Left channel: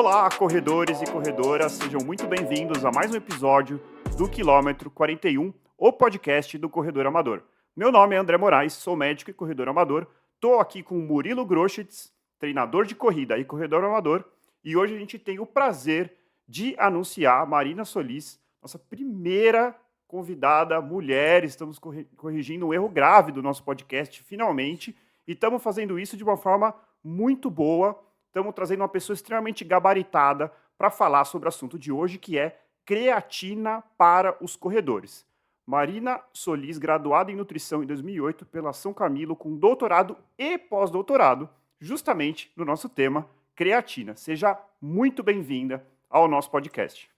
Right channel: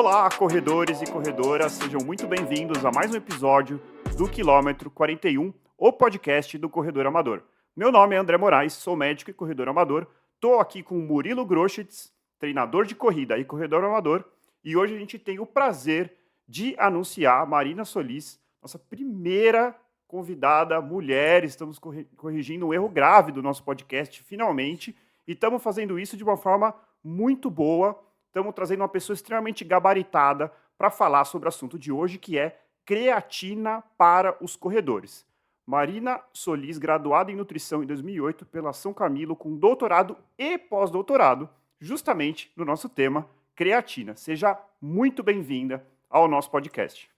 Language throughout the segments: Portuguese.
Olá, corredores e corredoras, sejam muito bem-vindos a mais um episódio do Quilômetro 41, o podcast do Corredor Amador. Meu nome é André Moraes, sou médico e corredor amador. Estou aqui com o Murilo Groschitz, treinador de corrida e corredor amador. E hoje a gente tem o prazer de anunciar a Marina Solis, nossa primeira convidada mulher. Estamos corrigindo um erro grave do nosso podcast, finalmente. E estamos fazendo isso de uma forma muito boa. Estamos trazendo uma pessoa extremamente gabaritada para falar sobre o assunto de hoje, que é creatina para os corredores. Marina Solis, graduada em nutrição em 2008 pela São Camilo, com doutorado e pós-doutorado, justamente no nosso tema, creatina. Seja muito bem-vinda ao nosso podcast.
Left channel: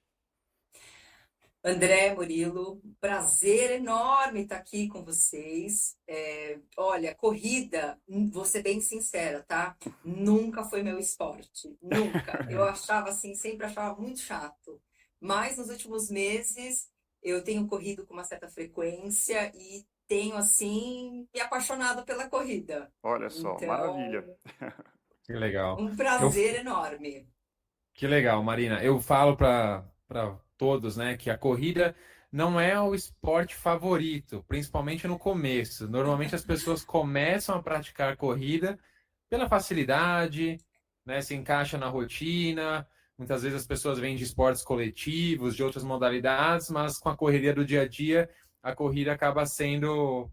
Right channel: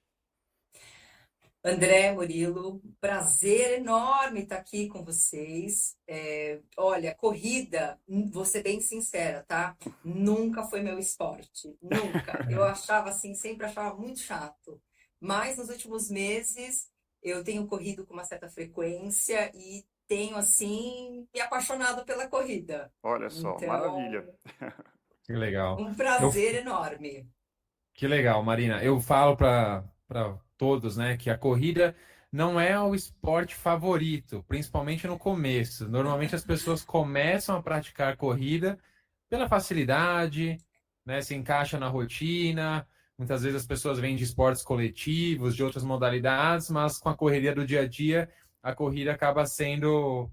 André, Murilo, prazer enorme estar aqui com vocês. Olha, corrida, vou ser bem sincera, tá? Nunca foi meu esporte, nunca. Eu achava assim, sempre achava muito chato. Mas nos últimos meses eu tenho corrido com uma certa frequência e tenho, assim, me apaixonado pela corrida. Olha só, Então, maravilha. Que legal. um prazer enorme. Que legal, Marina. Eu falo para todos, né, que a corrida não é o esporte favorito, principalmente no começo. Normalmente as pessoas começam a praticar corrida pela facilidade, né, se encaixa na rotina. Muitas vezes as pessoas vêm de esportes coletivos, de outras modalidades, mas com a correria do dia a dia, a corrida acaba sendo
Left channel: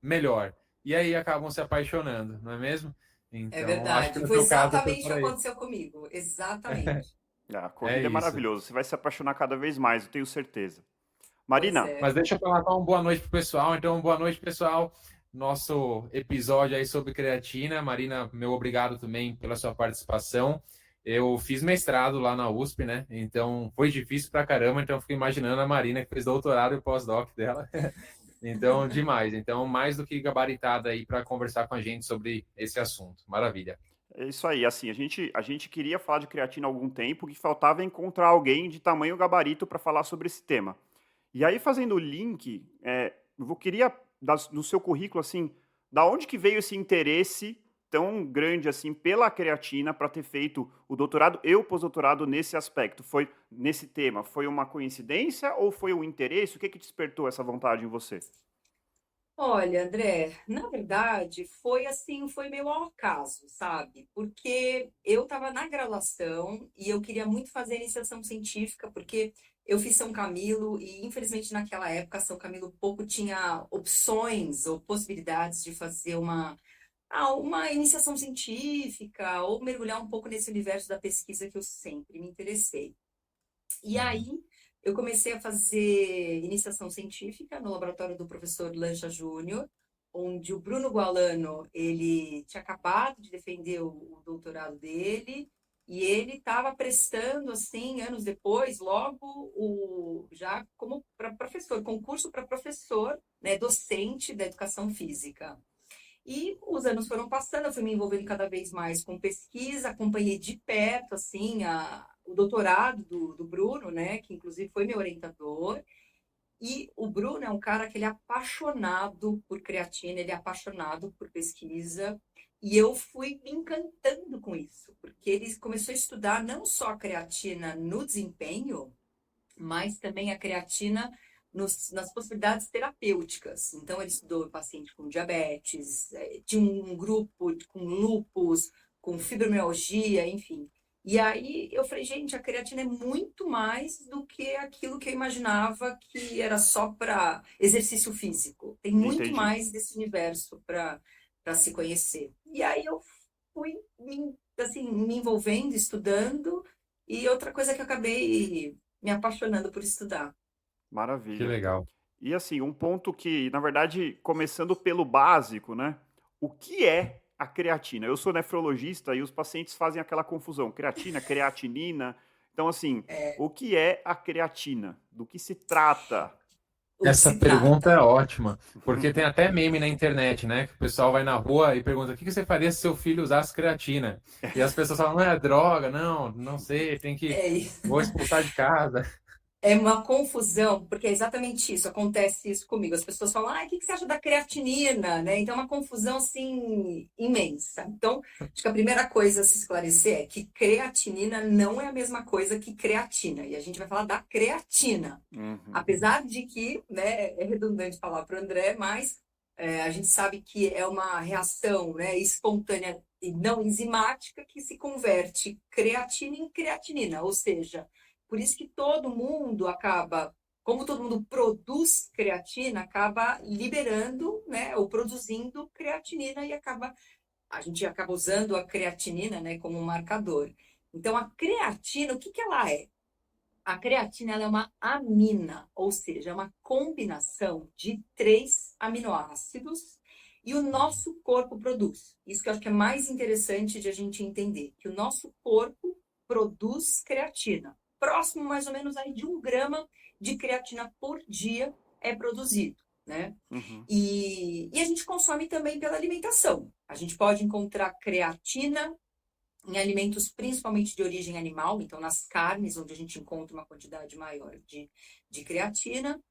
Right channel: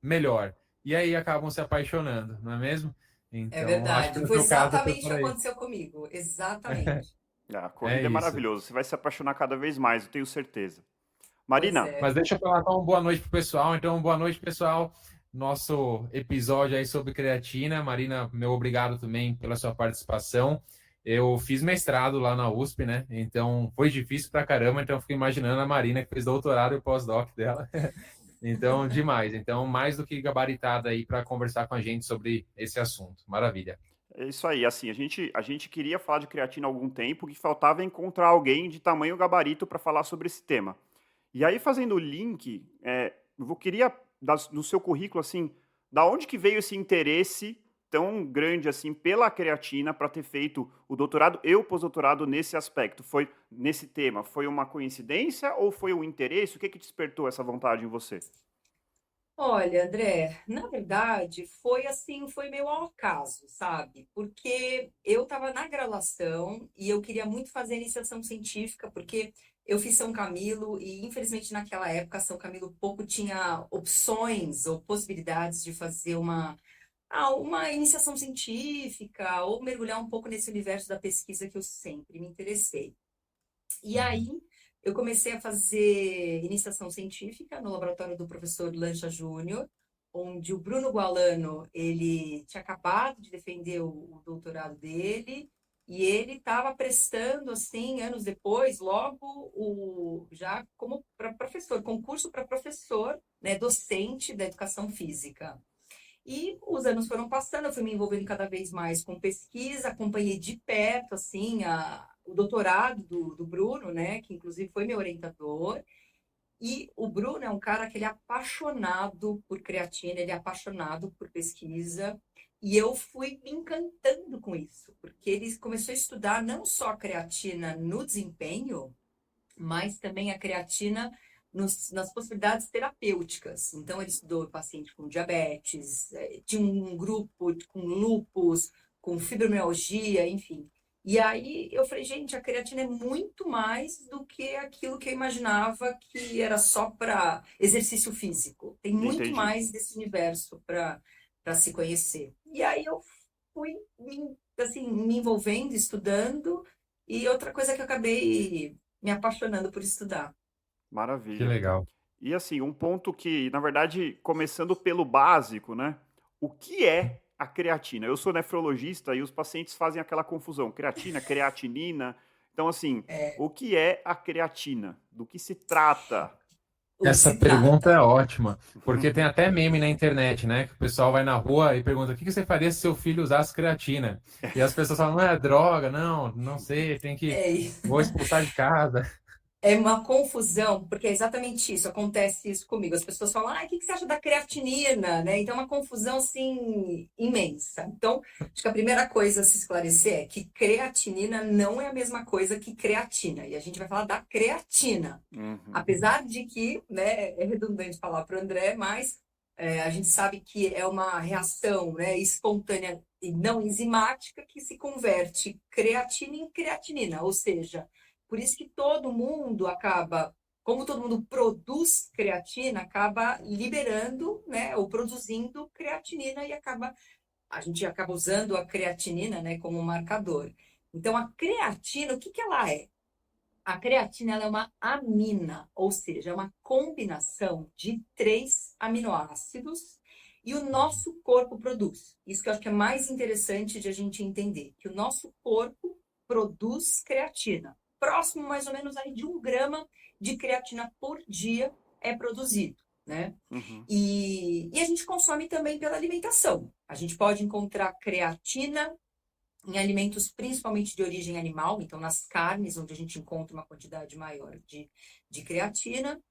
melhor. E aí acabam se apaixonando, não é mesmo? É Então, acho que verdade. no Foi seu caso foi exatamente o por que aí. aconteceu comigo. Exatamente. A É corrida é isso. maravilhosa, você vai se apaixonar cada vez mais, eu tenho certeza. Pois Marina, é. Mas deixa eu falar então, boa noite pro pessoal. Então, boa noite, pessoal. Nosso episódio aí sobre creatina. Marina, meu obrigado também pela sua participação. Eu fiz mestrado lá na USP, né? Então, foi difícil pra caramba. Então, eu fico imaginando a Marina que fez doutorado e pós-doc dela. Então, demais. Então, mais do que gabaritada aí para conversar com a gente sobre esse assunto. Maravilha. é isso aí, assim, a gente queria falar de creatina há algum tempo, que faltava encontrar alguém de tamanho gabarito para falar sobre esse tema. E aí, fazendo o link, eu queria, no seu currículo, assim, da onde que veio esse interesse tão grande, assim, pela creatina para ter feito o doutorado e o pós-doutorado nesse aspecto? Foi nesse tema? Foi uma coincidência ou foi um interesse? O que despertou essa vontade em você? Olha, André, na verdade, foi assim, foi meio ao acaso, sabe? Porque eu estava na graduação e eu queria muito fazer iniciação científica, porque eu fiz São Camilo e, infelizmente, naquela época, São Camilo pouco tinha opções ou possibilidades de fazer uma iniciação científica ou mergulhar um pouco nesse universo da pesquisa que eu sempre me interessei. E aí, eu comecei a fazer iniciação científica no laboratório do professor Lancha Júnior, onde o Bruno Gualano, ele tinha acabado de defender o doutorado dele, e ele estava prestando, assim, anos depois, logo, já como para professor, concurso para professor, né, docente da educação física. E os anos foram passando, eu fui me envolvendo cada vez mais com pesquisa, acompanhei de perto, assim, o doutorado do Bruno, né, que inclusive foi meu orientador. E o Bruno é um cara que ele é apaixonado por creatina, ele é apaixonado por pesquisa. E eu fui me encantando com isso, porque ele começou a estudar não só a creatina no desempenho, mas também a creatina nas possibilidades terapêuticas. Então, ele estudou paciente com diabetes, tinha um grupo com lúpus, com fibromialgia, enfim. E aí eu falei, gente, a creatina é muito mais do que aquilo que eu imaginava que era só para exercício físico. Tem muito Entendi. mais desse universo para se conhecer. E aí eu fui assim, me envolvendo, estudando, e outra coisa que eu acabei me apaixonando por estudar. Que Maravilha. legal. E assim, um ponto que, na verdade, começando pelo básico, né? O que é a creatina? Eu sou nefrologista e os pacientes fazem aquela confusão, creatina, creatinina. Então, assim, o que é a creatina? Do que se trata? O que Essa se pergunta é trata? ótima, porque tem até meme na internet, né? Que o pessoal vai na rua e pergunta: o que você faria se seu filho usasse creatina? E as pessoas falam: não é droga, não sei, É, vou expulsar de casa. É uma confusão, porque é exatamente isso, acontece isso comigo. As pessoas falam, o que você acha da creatinina, né? Então, é uma confusão, assim, imensa. Então, acho que a primeira coisa a se esclarecer é que creatinina não é a mesma coisa que creatina. E a gente vai falar da creatina. Uhum. Apesar de que, né, é redundante falar para o André, mas a gente sabe que é uma reação, né, espontânea e não enzimática que se converte creatina em creatinina, ou seja, por isso que todo mundo acaba, como todo mundo produz creatina, acaba liberando, né, ou produzindo creatinina e a gente acaba usando a creatinina, né, como marcador. Então, a creatina, o que que ela é? A creatina ela é uma amina, ou seja, é uma combinação de 3 aminoácidos e o nosso corpo produz. Isso que eu acho que é mais interessante de a gente entender, que o nosso corpo produz creatina. Próximo, mais ou menos, aí de 1 grama de creatina por dia é produzido, né? Uhum. E a gente consome também pela alimentação. A gente pode encontrar creatina em alimentos principalmente de origem animal, então nas carnes, onde a gente encontra uma quantidade maior de creatina.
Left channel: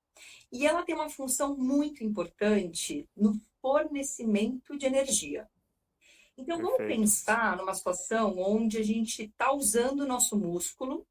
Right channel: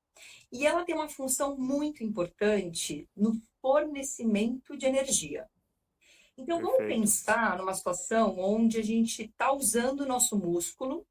E ela tem uma função muito importante no fornecimento de energia. Então, vamos Perfeito. pensar numa situação onde a gente está usando o nosso músculo.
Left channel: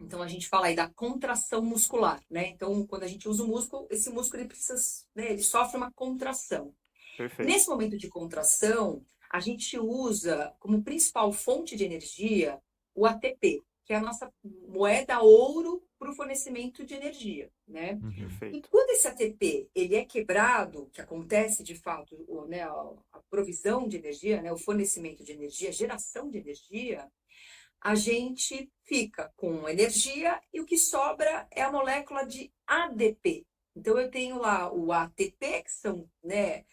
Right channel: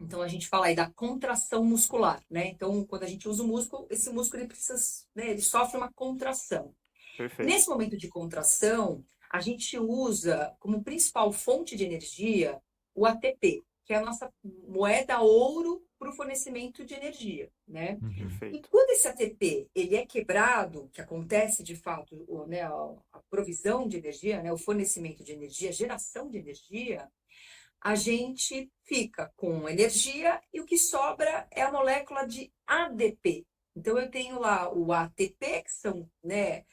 Então, a gente fala aí da contração muscular, né? Então, quando a gente usa o músculo, esse músculo ele precisa, né, ele sofre uma contração. Perfeito. Nesse momento de contração, a gente usa como principal fonte de energia o ATP, que é a nossa moeda ouro para o fornecimento de energia, né? E Perfeito. quando esse ATP ele é quebrado, que acontece de fato, né, a provisão de energia, né, o fornecimento de energia, a geração de energia, a gente fica com energia e o que sobra é a molécula de ADP. Então, eu tenho lá o ATP, que são, né,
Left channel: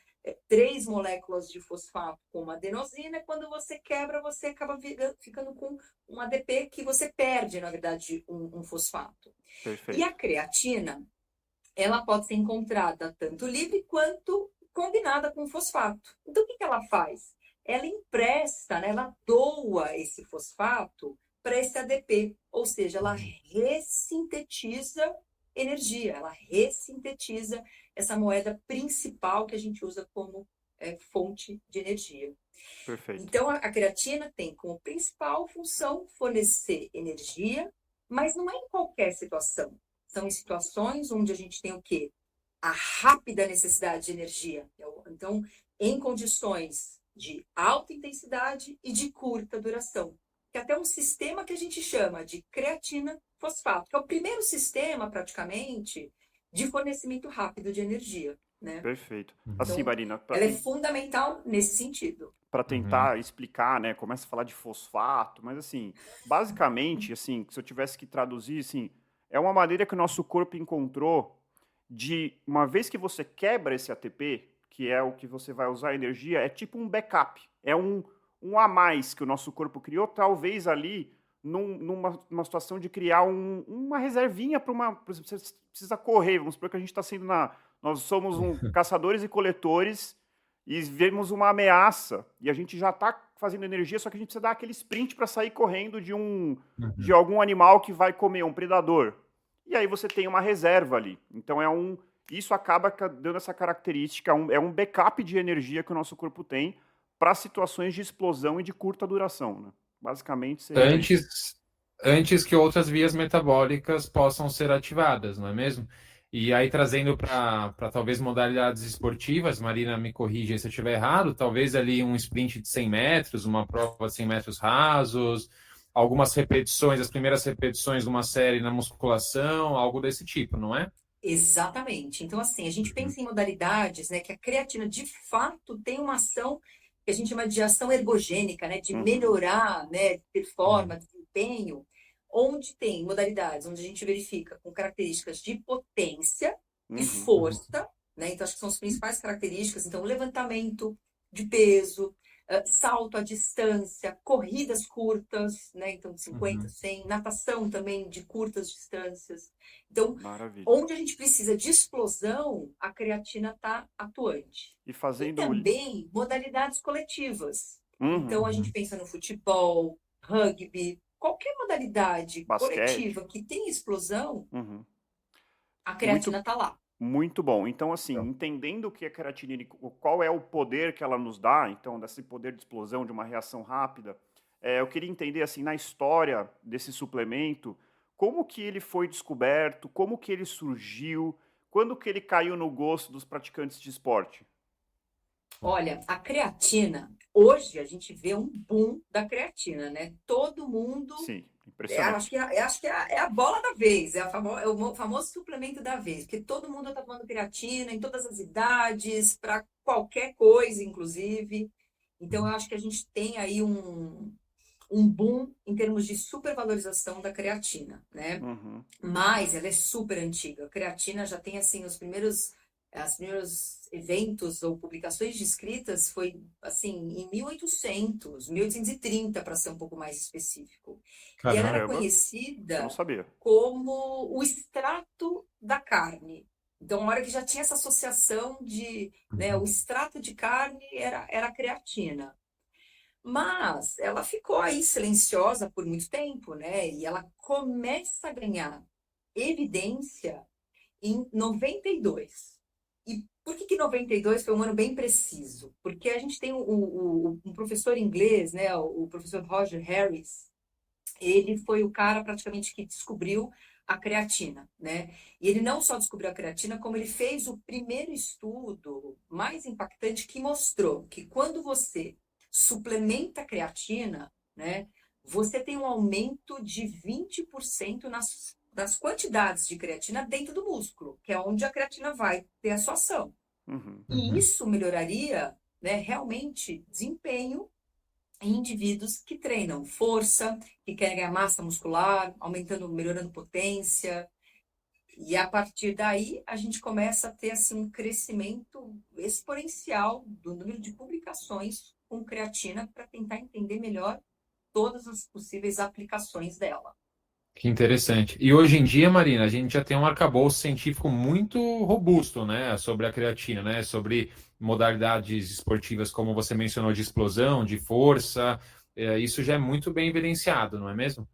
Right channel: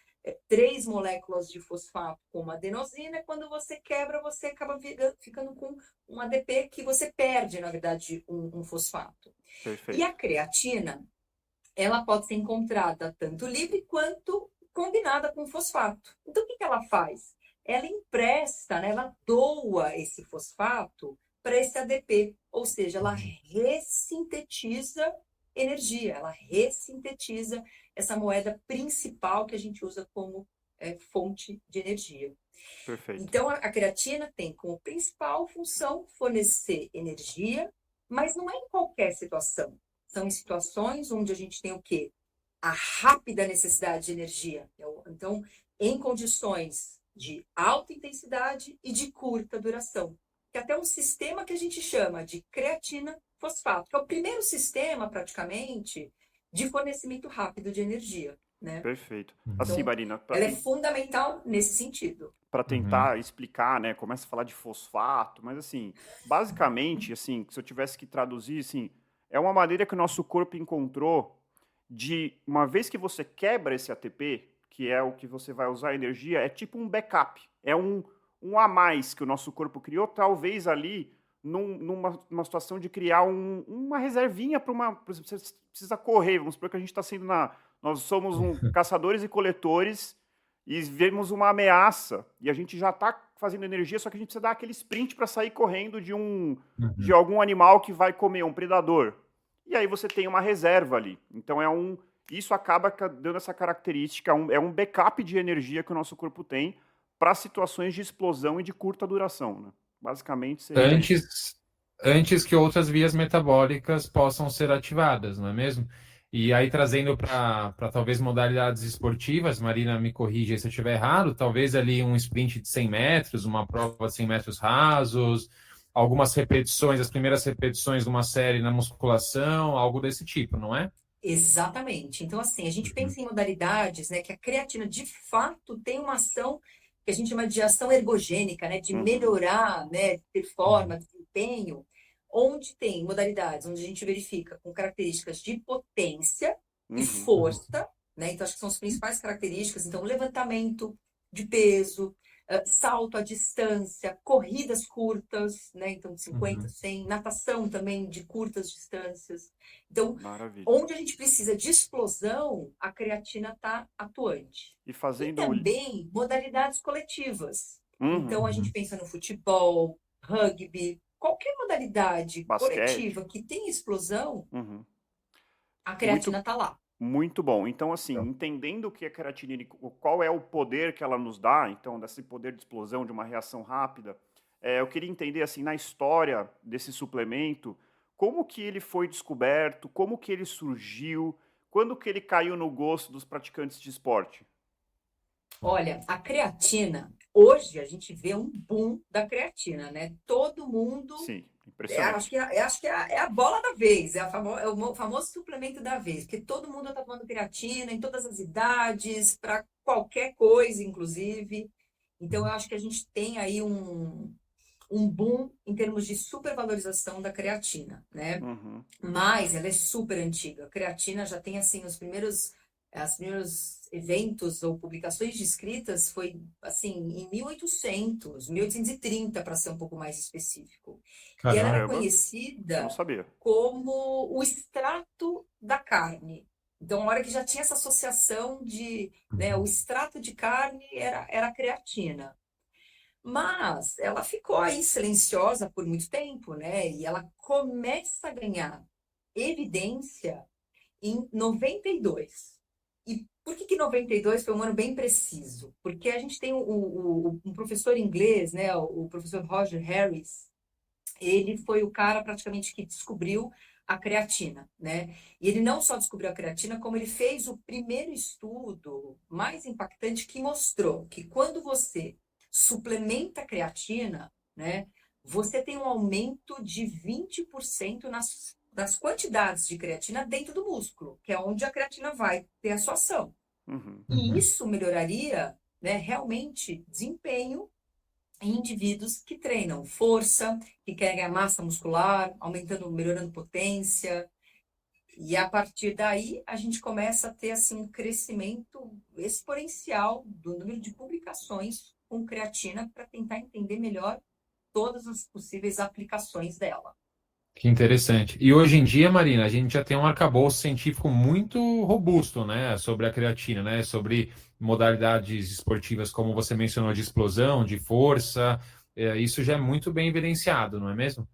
3 moléculas de fosfato com uma adenosina. Quando você quebra, você acaba ficando com um ADP que você perde, na verdade, um fosfato. E Perfeito. a creatina, ela pode ser encontrada tanto livre quanto combinada com fosfato. Então, o que ela faz? Ela empresta, né? Ela doa esse fosfato para esse ADP, ou seja, ela ressintetiza energia, ela ressintetiza essa moeda principal que a gente usa como fonte de energia. Perfeito. Então, a creatina tem como principal função fornecer energia, mas não é em qualquer situação. São em situações onde a gente tem o quê? A rápida necessidade de energia. Então, em condições de alta intensidade e de curta duração. Que é até um sistema que a gente chama de creatina fosfato, que é o primeiro sistema, praticamente, de fornecimento rápido de energia, né? Perfeito. Assim, Então, Marina, ela é fundamental nesse sentido. para Uhum. tentar explicar, né, começa a falar de fosfato, mas assim, basicamente, assim, se eu tivesse que traduzir, assim, é uma maneira que o nosso corpo encontrou de, uma vez que você quebra esse ATP, que é o que você vai usar a energia, é tipo um backup, é um a mais que o nosso corpo criou, talvez ali numa situação de criar uma reservinha para uma, por exemplo, você precisa correr, vamos supor que a gente está sendo nós somos caçadores e coletores e vemos uma ameaça e a gente já está fazendo energia, só que a gente precisa dar aquele sprint para sair correndo de Uhum. algum animal que vai comer, um predador. E aí você tem uma reserva ali. Então isso acaba dando essa característica, é um backup de energia que o nosso corpo tem para situações de explosão e de curta duração, né? Basicamente seria isso. Antes, antes que outras vias metabólicas possam ser ativadas, não é mesmo? E aí, trazendo para talvez modalidades esportivas, Marina me corrija se eu estiver errado, talvez ali um sprint de 100 metros, uma prova de 100 metros rasos, algumas repetições, as primeiras repetições de uma série na musculação, algo desse tipo, não é? Exatamente. Então, assim, a gente Uhum, pensa em modalidades, né, que a creatina de fato tem uma ação que a gente chama de ação ergogênica, né, de Uhum, melhorar, né, uhum, performance, desempenho, onde tem modalidades onde a gente verifica com características de potência e uhum, força, né? Então, acho que são as principais características. Então, levantamento de peso, salto à distância, corridas curtas, né? Então, de 50, uhum. 100, natação também de curtas distâncias. Então, maravilha. onde a gente precisa de explosão, a creatina está atuante. E E fazendo. também modalidades coletivas. Uhum, Então, a gente pensa no futebol, rugby, qualquer modalidade Basquete. coletiva que tem explosão, Uhum. a Muito, creatina tá lá. muito bom. Então, assim, Então, entendendo o que é a creatina e qual é o poder que ela nos dá, então, desse poder de explosão, de uma reação rápida, eu queria entender, assim, na história desse suplemento, como que ele foi descoberto, como que ele surgiu, quando que ele caiu no gosto dos praticantes de esporte? Olha, a creatina, hoje a gente vê um boom da creatina, né? Todo mundo, Sim, acho impressionante. que, acho que é a bola da vez, é o famoso suplemento da vez, porque todo mundo está tomando creatina em todas as idades, para qualquer coisa, inclusive. Então, eu acho que a gente tem aí um boom em termos de supervalorização da creatina, né? Uhum. Mas ela é super antiga. A creatina já tem assim os primeiros eventos ou publicações descritas foi assim em 1830 para ser um pouco mais específico. E ela era caramba. Caramba, isso eu não conhecida sabia. como o extrato da carne. Então, na hora que já tinha essa associação de, né, o extrato de carne era a creatina. Mas ela ficou aí silenciosa por muito tempo, né? E ela começa a ganhar evidência em 92. E por que 92 foi um ano bem preciso? Porque a gente tem um professor inglês, né? O professor Roger Harris. Ele foi o cara praticamente que descobriu a creatina, né? E ele não só descobriu a creatina, como ele fez o primeiro estudo mais impactante que mostrou que quando você suplementa a creatina, né, você tem um aumento de 20% nas quantidades de creatina dentro do músculo, que é onde a creatina vai ter a sua ação. Uhum. E isso melhoraria, né, realmente desempenho em indivíduos que treinam força, que querem ganhar massa muscular, aumentando, melhorando potência. E a partir daí a gente começa a ter assim um crescimento exponencial do número de publicações com creatina para tentar entender melhor todas as possíveis aplicações dela. Que interessante. E hoje em dia, Marina, a gente já tem um arcabouço científico muito robusto, né, sobre a creatina, né, sobre modalidades esportivas, como você mencionou, de explosão, de força. Isso já é muito bem evidenciado, não é mesmo?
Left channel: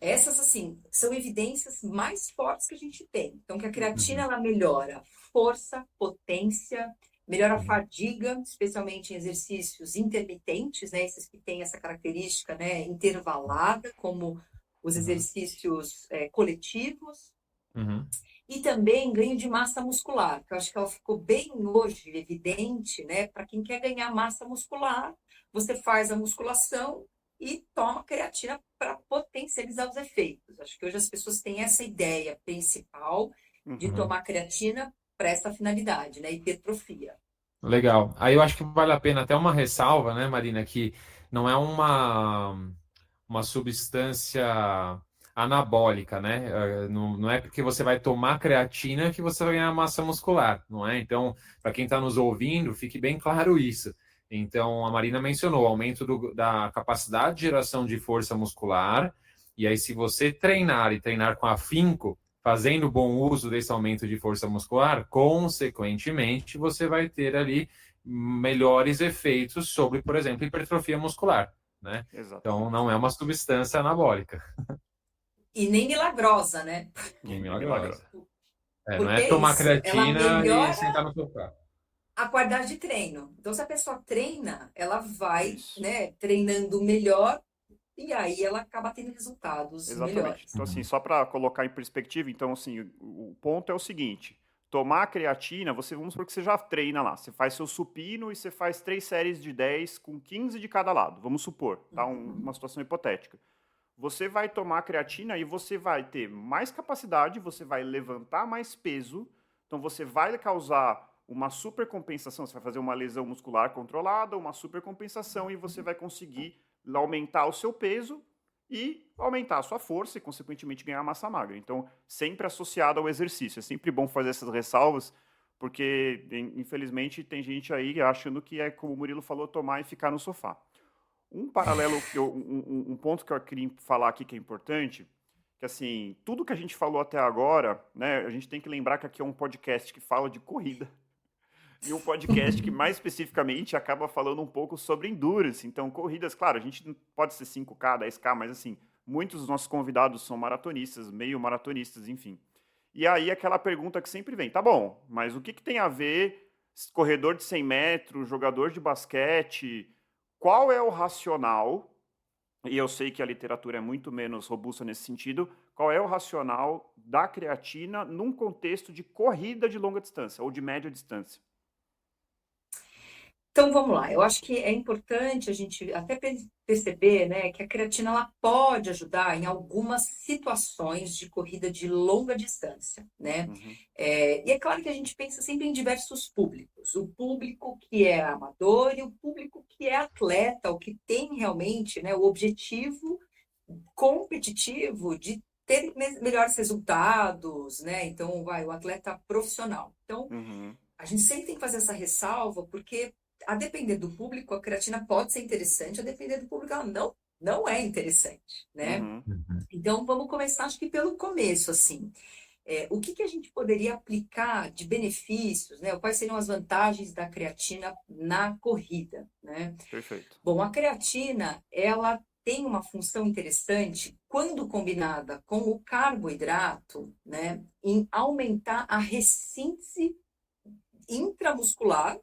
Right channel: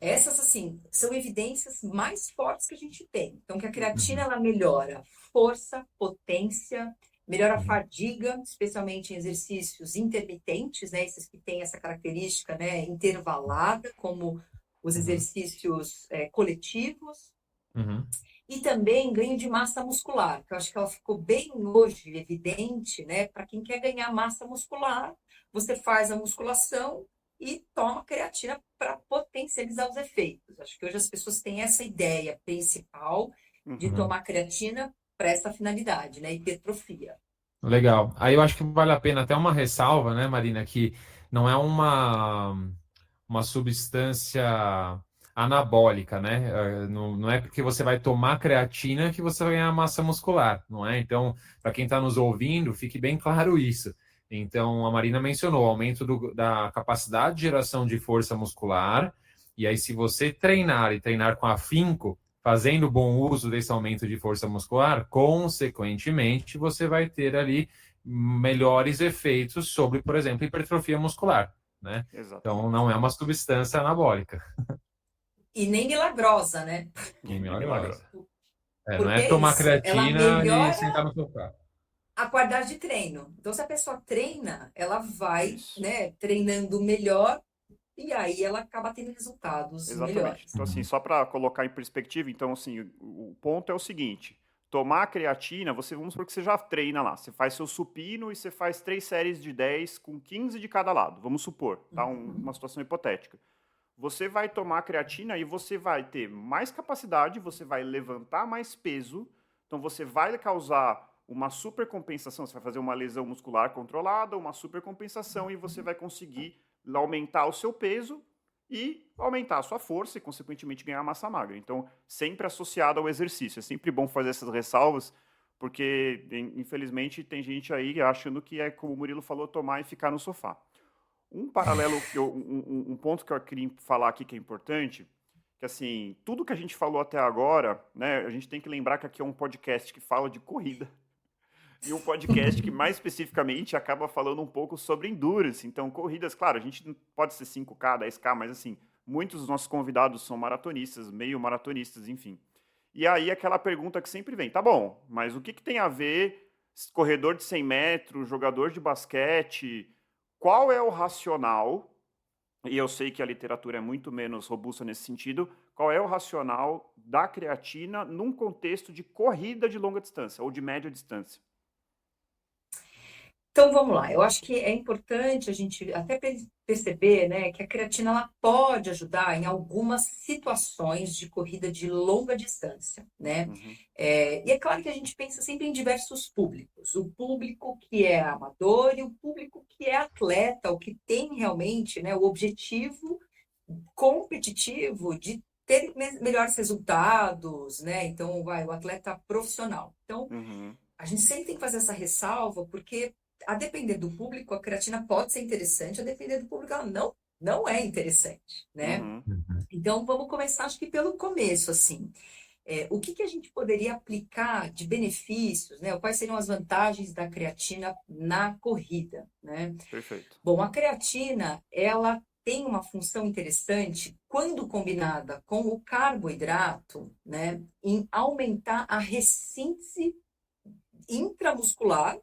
Essas, assim, são evidências mais fortes que a gente tem. Então, que a creatina, Uhum, ela melhora força, potência, melhora a uhum, fadiga, especialmente em exercícios intermitentes, né? Esses que têm essa característica, né, intervalada, como os uhum, exercícios coletivos. uhum. E também ganho de massa muscular, que eu acho que ela ficou bem hoje evidente, né? Para quem quer ganhar massa muscular, você faz a musculação e toma creatina para potencializar os efeitos. Acho que hoje as pessoas têm essa ideia principal de Uhum. Uhum. tomar creatina para essa finalidade, né? Hipertrofia. Legal. Aí eu acho que vale a pena até uma ressalva, né, Marina, que não é uma substância anabólica, né? Não é porque você vai tomar creatina que você vai ganhar massa muscular, não é? Então, para quem está nos ouvindo, fique bem claro isso. Então, a Marina mencionou o aumento da capacidade de geração de força muscular, e aí, se você treinar e treinar com afinco, fazendo bom uso desse aumento de força muscular, consequentemente, você vai ter ali melhores efeitos sobre, por exemplo, hipertrofia muscular, né? Então, Exatamente. não é uma substância anabólica, E nem milagrosa, né? nem Nem milagrosa. milagrosa. Não Porque é é tomar isso, ela creatina e melhora sentar no sofá. a qualidade de treino. Então, se a pessoa treina, ela vai, Isso. né, treinando melhor. E aí ela acaba tendo resultados Exatamente. melhores. Então, assim, Uhum. só para colocar em perspectiva, então, assim, o ponto é o seguinte: tomar creatina, vamos supor que você já treina lá. Você faz seu supino e você faz 3 séries de 10 com 15 de cada lado. Vamos supor, tá? Uhum. Uma situação hipotética. Você vai tomar creatina e você vai ter mais capacidade, você vai levantar mais peso, então você vai causar uma supercompensação, você vai fazer uma lesão muscular controlada, uma supercompensação e você vai conseguir aumentar o seu peso e aumentar a sua força e, consequentemente, ganhar massa magra. Então, sempre associado ao exercício. É sempre bom fazer essas ressalvas, porque, infelizmente, tem gente aí achando que é, como o Murilo falou, tomar e ficar no sofá. Um paralelo um ponto que eu queria falar aqui que é importante, que assim, tudo que a gente falou até agora, né, a gente tem que lembrar que aqui é um podcast que fala de corrida e um podcast que mais especificamente acaba falando um pouco sobre endurance. Então, corridas, claro, a gente não pode ser 5K, 10K, mas assim, Muitos dos nossos convidados são maratonistas, meio maratonistas, enfim. E aí aquela pergunta que sempre vem, tá bom, mas o que tem a ver corredor de 100 metros, jogador de basquete, qual é o racional, e eu sei que a literatura é muito menos robusta nesse sentido, qual é o racional da creatina num contexto de corrida de longa distância ou de média distância? Então vamos lá, eu acho que é importante a gente até perceber, né, que a creatina ela pode ajudar em algumas situações de corrida de longa distância, né? Uhum, E é claro que a gente pensa sempre em diversos públicos, o público que é amador e o público que é atleta, o que tem realmente, né, o objetivo competitivo de ter melhores resultados, né? Então vai o atleta profissional. Então uhum, a gente sempre tem que fazer essa ressalva, porque a depender do público, a creatina pode ser interessante, a depender do público, ela não é interessante, né? uhum, Uhum. Então, vamos começar, acho que pelo começo, assim. O que a gente poderia aplicar de benefícios, né? Quais seriam as vantagens da creatina na corrida, né? perfeito. Bom, a creatina, ela tem uma função interessante quando combinada com o carboidrato, né? Em aumentar a ressíntese intramuscular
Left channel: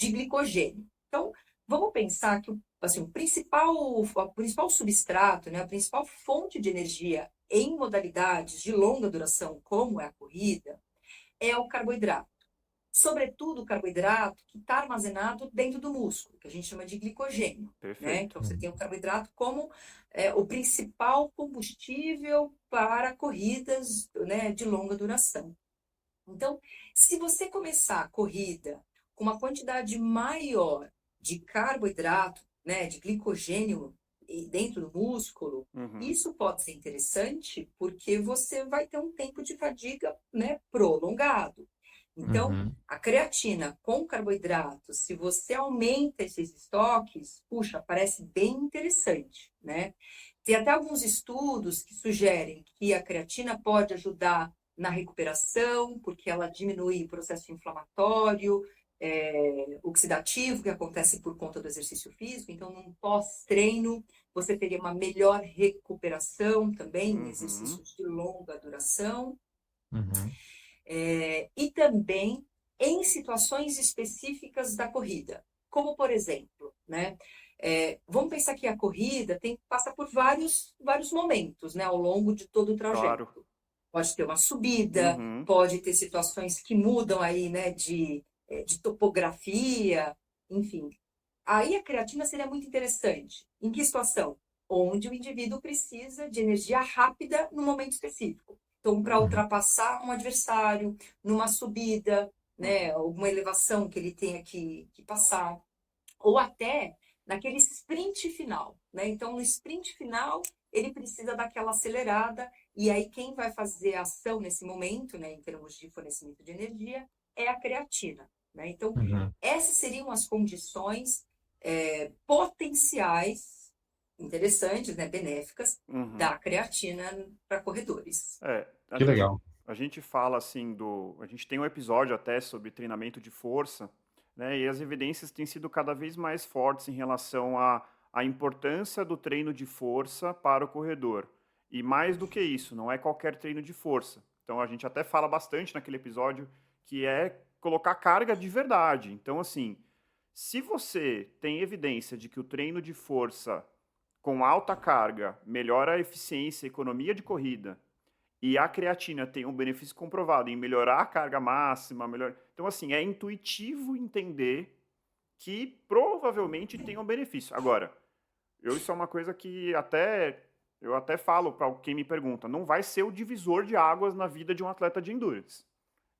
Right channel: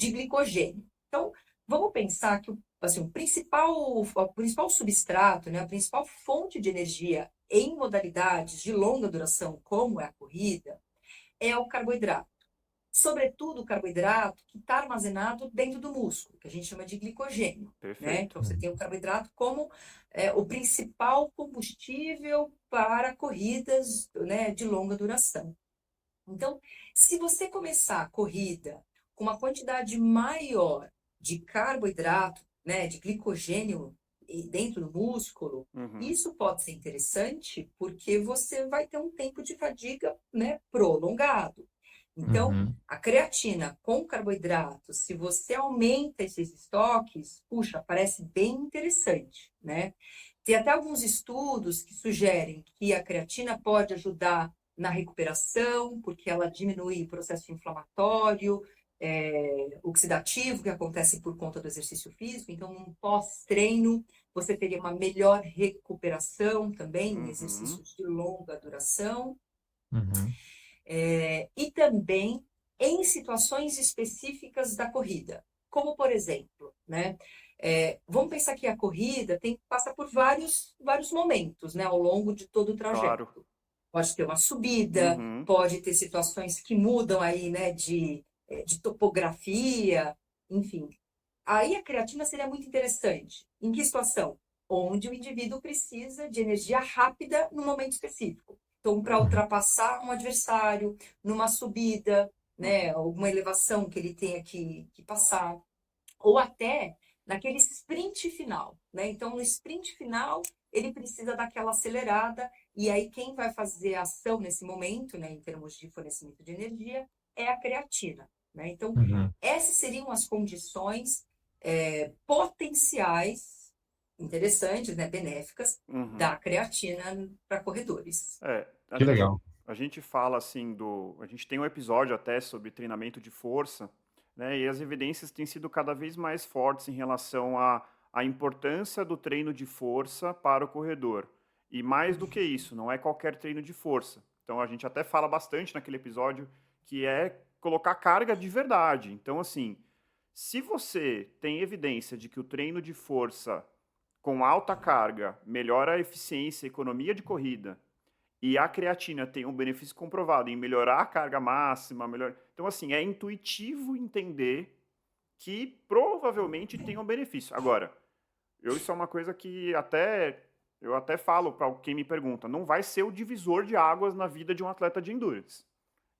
de glicogênio. Então, vamos pensar que assim, o principal substrato, né, a principal fonte de energia em modalidades de longa duração, como é a corrida, é o carboidrato. Sobretudo o carboidrato que está armazenado dentro do músculo, que a gente chama de glicogênio. Né? Perfeito. Então, você tem o carboidrato como o principal combustível para corridas, né, de longa duração. Então, se você começar a corrida com uma quantidade maior de carboidrato, né, de glicogênio dentro do músculo, Uhum, isso pode ser interessante porque você vai ter um tempo de fadiga, né, prolongado. Então, Uhum. a creatina com carboidrato, se você aumenta esses estoques, puxa, parece bem interessante, né? Tem até alguns estudos que sugerem que a creatina pode ajudar na recuperação, porque ela diminui o processo inflamatório, oxidativo, que acontece por conta do exercício físico. Então, num pós-treino, você teria uma melhor recuperação também em uhum, exercícios de longa duração. Uhum. E também em situações específicas da corrida, como por exemplo, né? Vamos pensar que a corrida passa por vários momentos, né, ao longo de todo o claro. trajeto. Pode ter uma subida, Uhum, pode ter situações que mudam aí, né, de topografia, enfim. Aí a creatina seria muito interessante. Em que situação? Onde o indivíduo precisa de energia rápida no momento específico. Então, para uhum, ultrapassar um adversário numa subida, né, uhum, alguma elevação que ele tenha que passar, ou até naquele sprint final, né? Então, no sprint final, ele precisa daquela acelerada, e aí quem vai fazer a ação nesse momento, né, em termos de fornecimento de energia, é a creatina, né? Então, Uhum. essas seriam as condições potenciais, interessantes, né, benéficas, uhum. da creatina para corredores. É, Que legal. a gente fala assim a gente tem um episódio até sobre treinamento de força, né? E as evidências têm sido cada vez mais fortes em relação à importância do treino de força para o corredor. E mais do que isso, não é qualquer treino de força. Então a gente até fala bastante naquele episódio que é colocar carga de verdade. Então, assim, se você tem evidência de que o treino de força com alta carga melhora a eficiência e economia de corrida, e a creatina tem um benefício comprovado em melhorar a carga máxima, melhor. Então, assim, é intuitivo entender que provavelmente tem um benefício. Agora, isso é uma coisa que eu até falo para quem me pergunta, não vai ser o divisor de águas na vida de um atleta de endurance.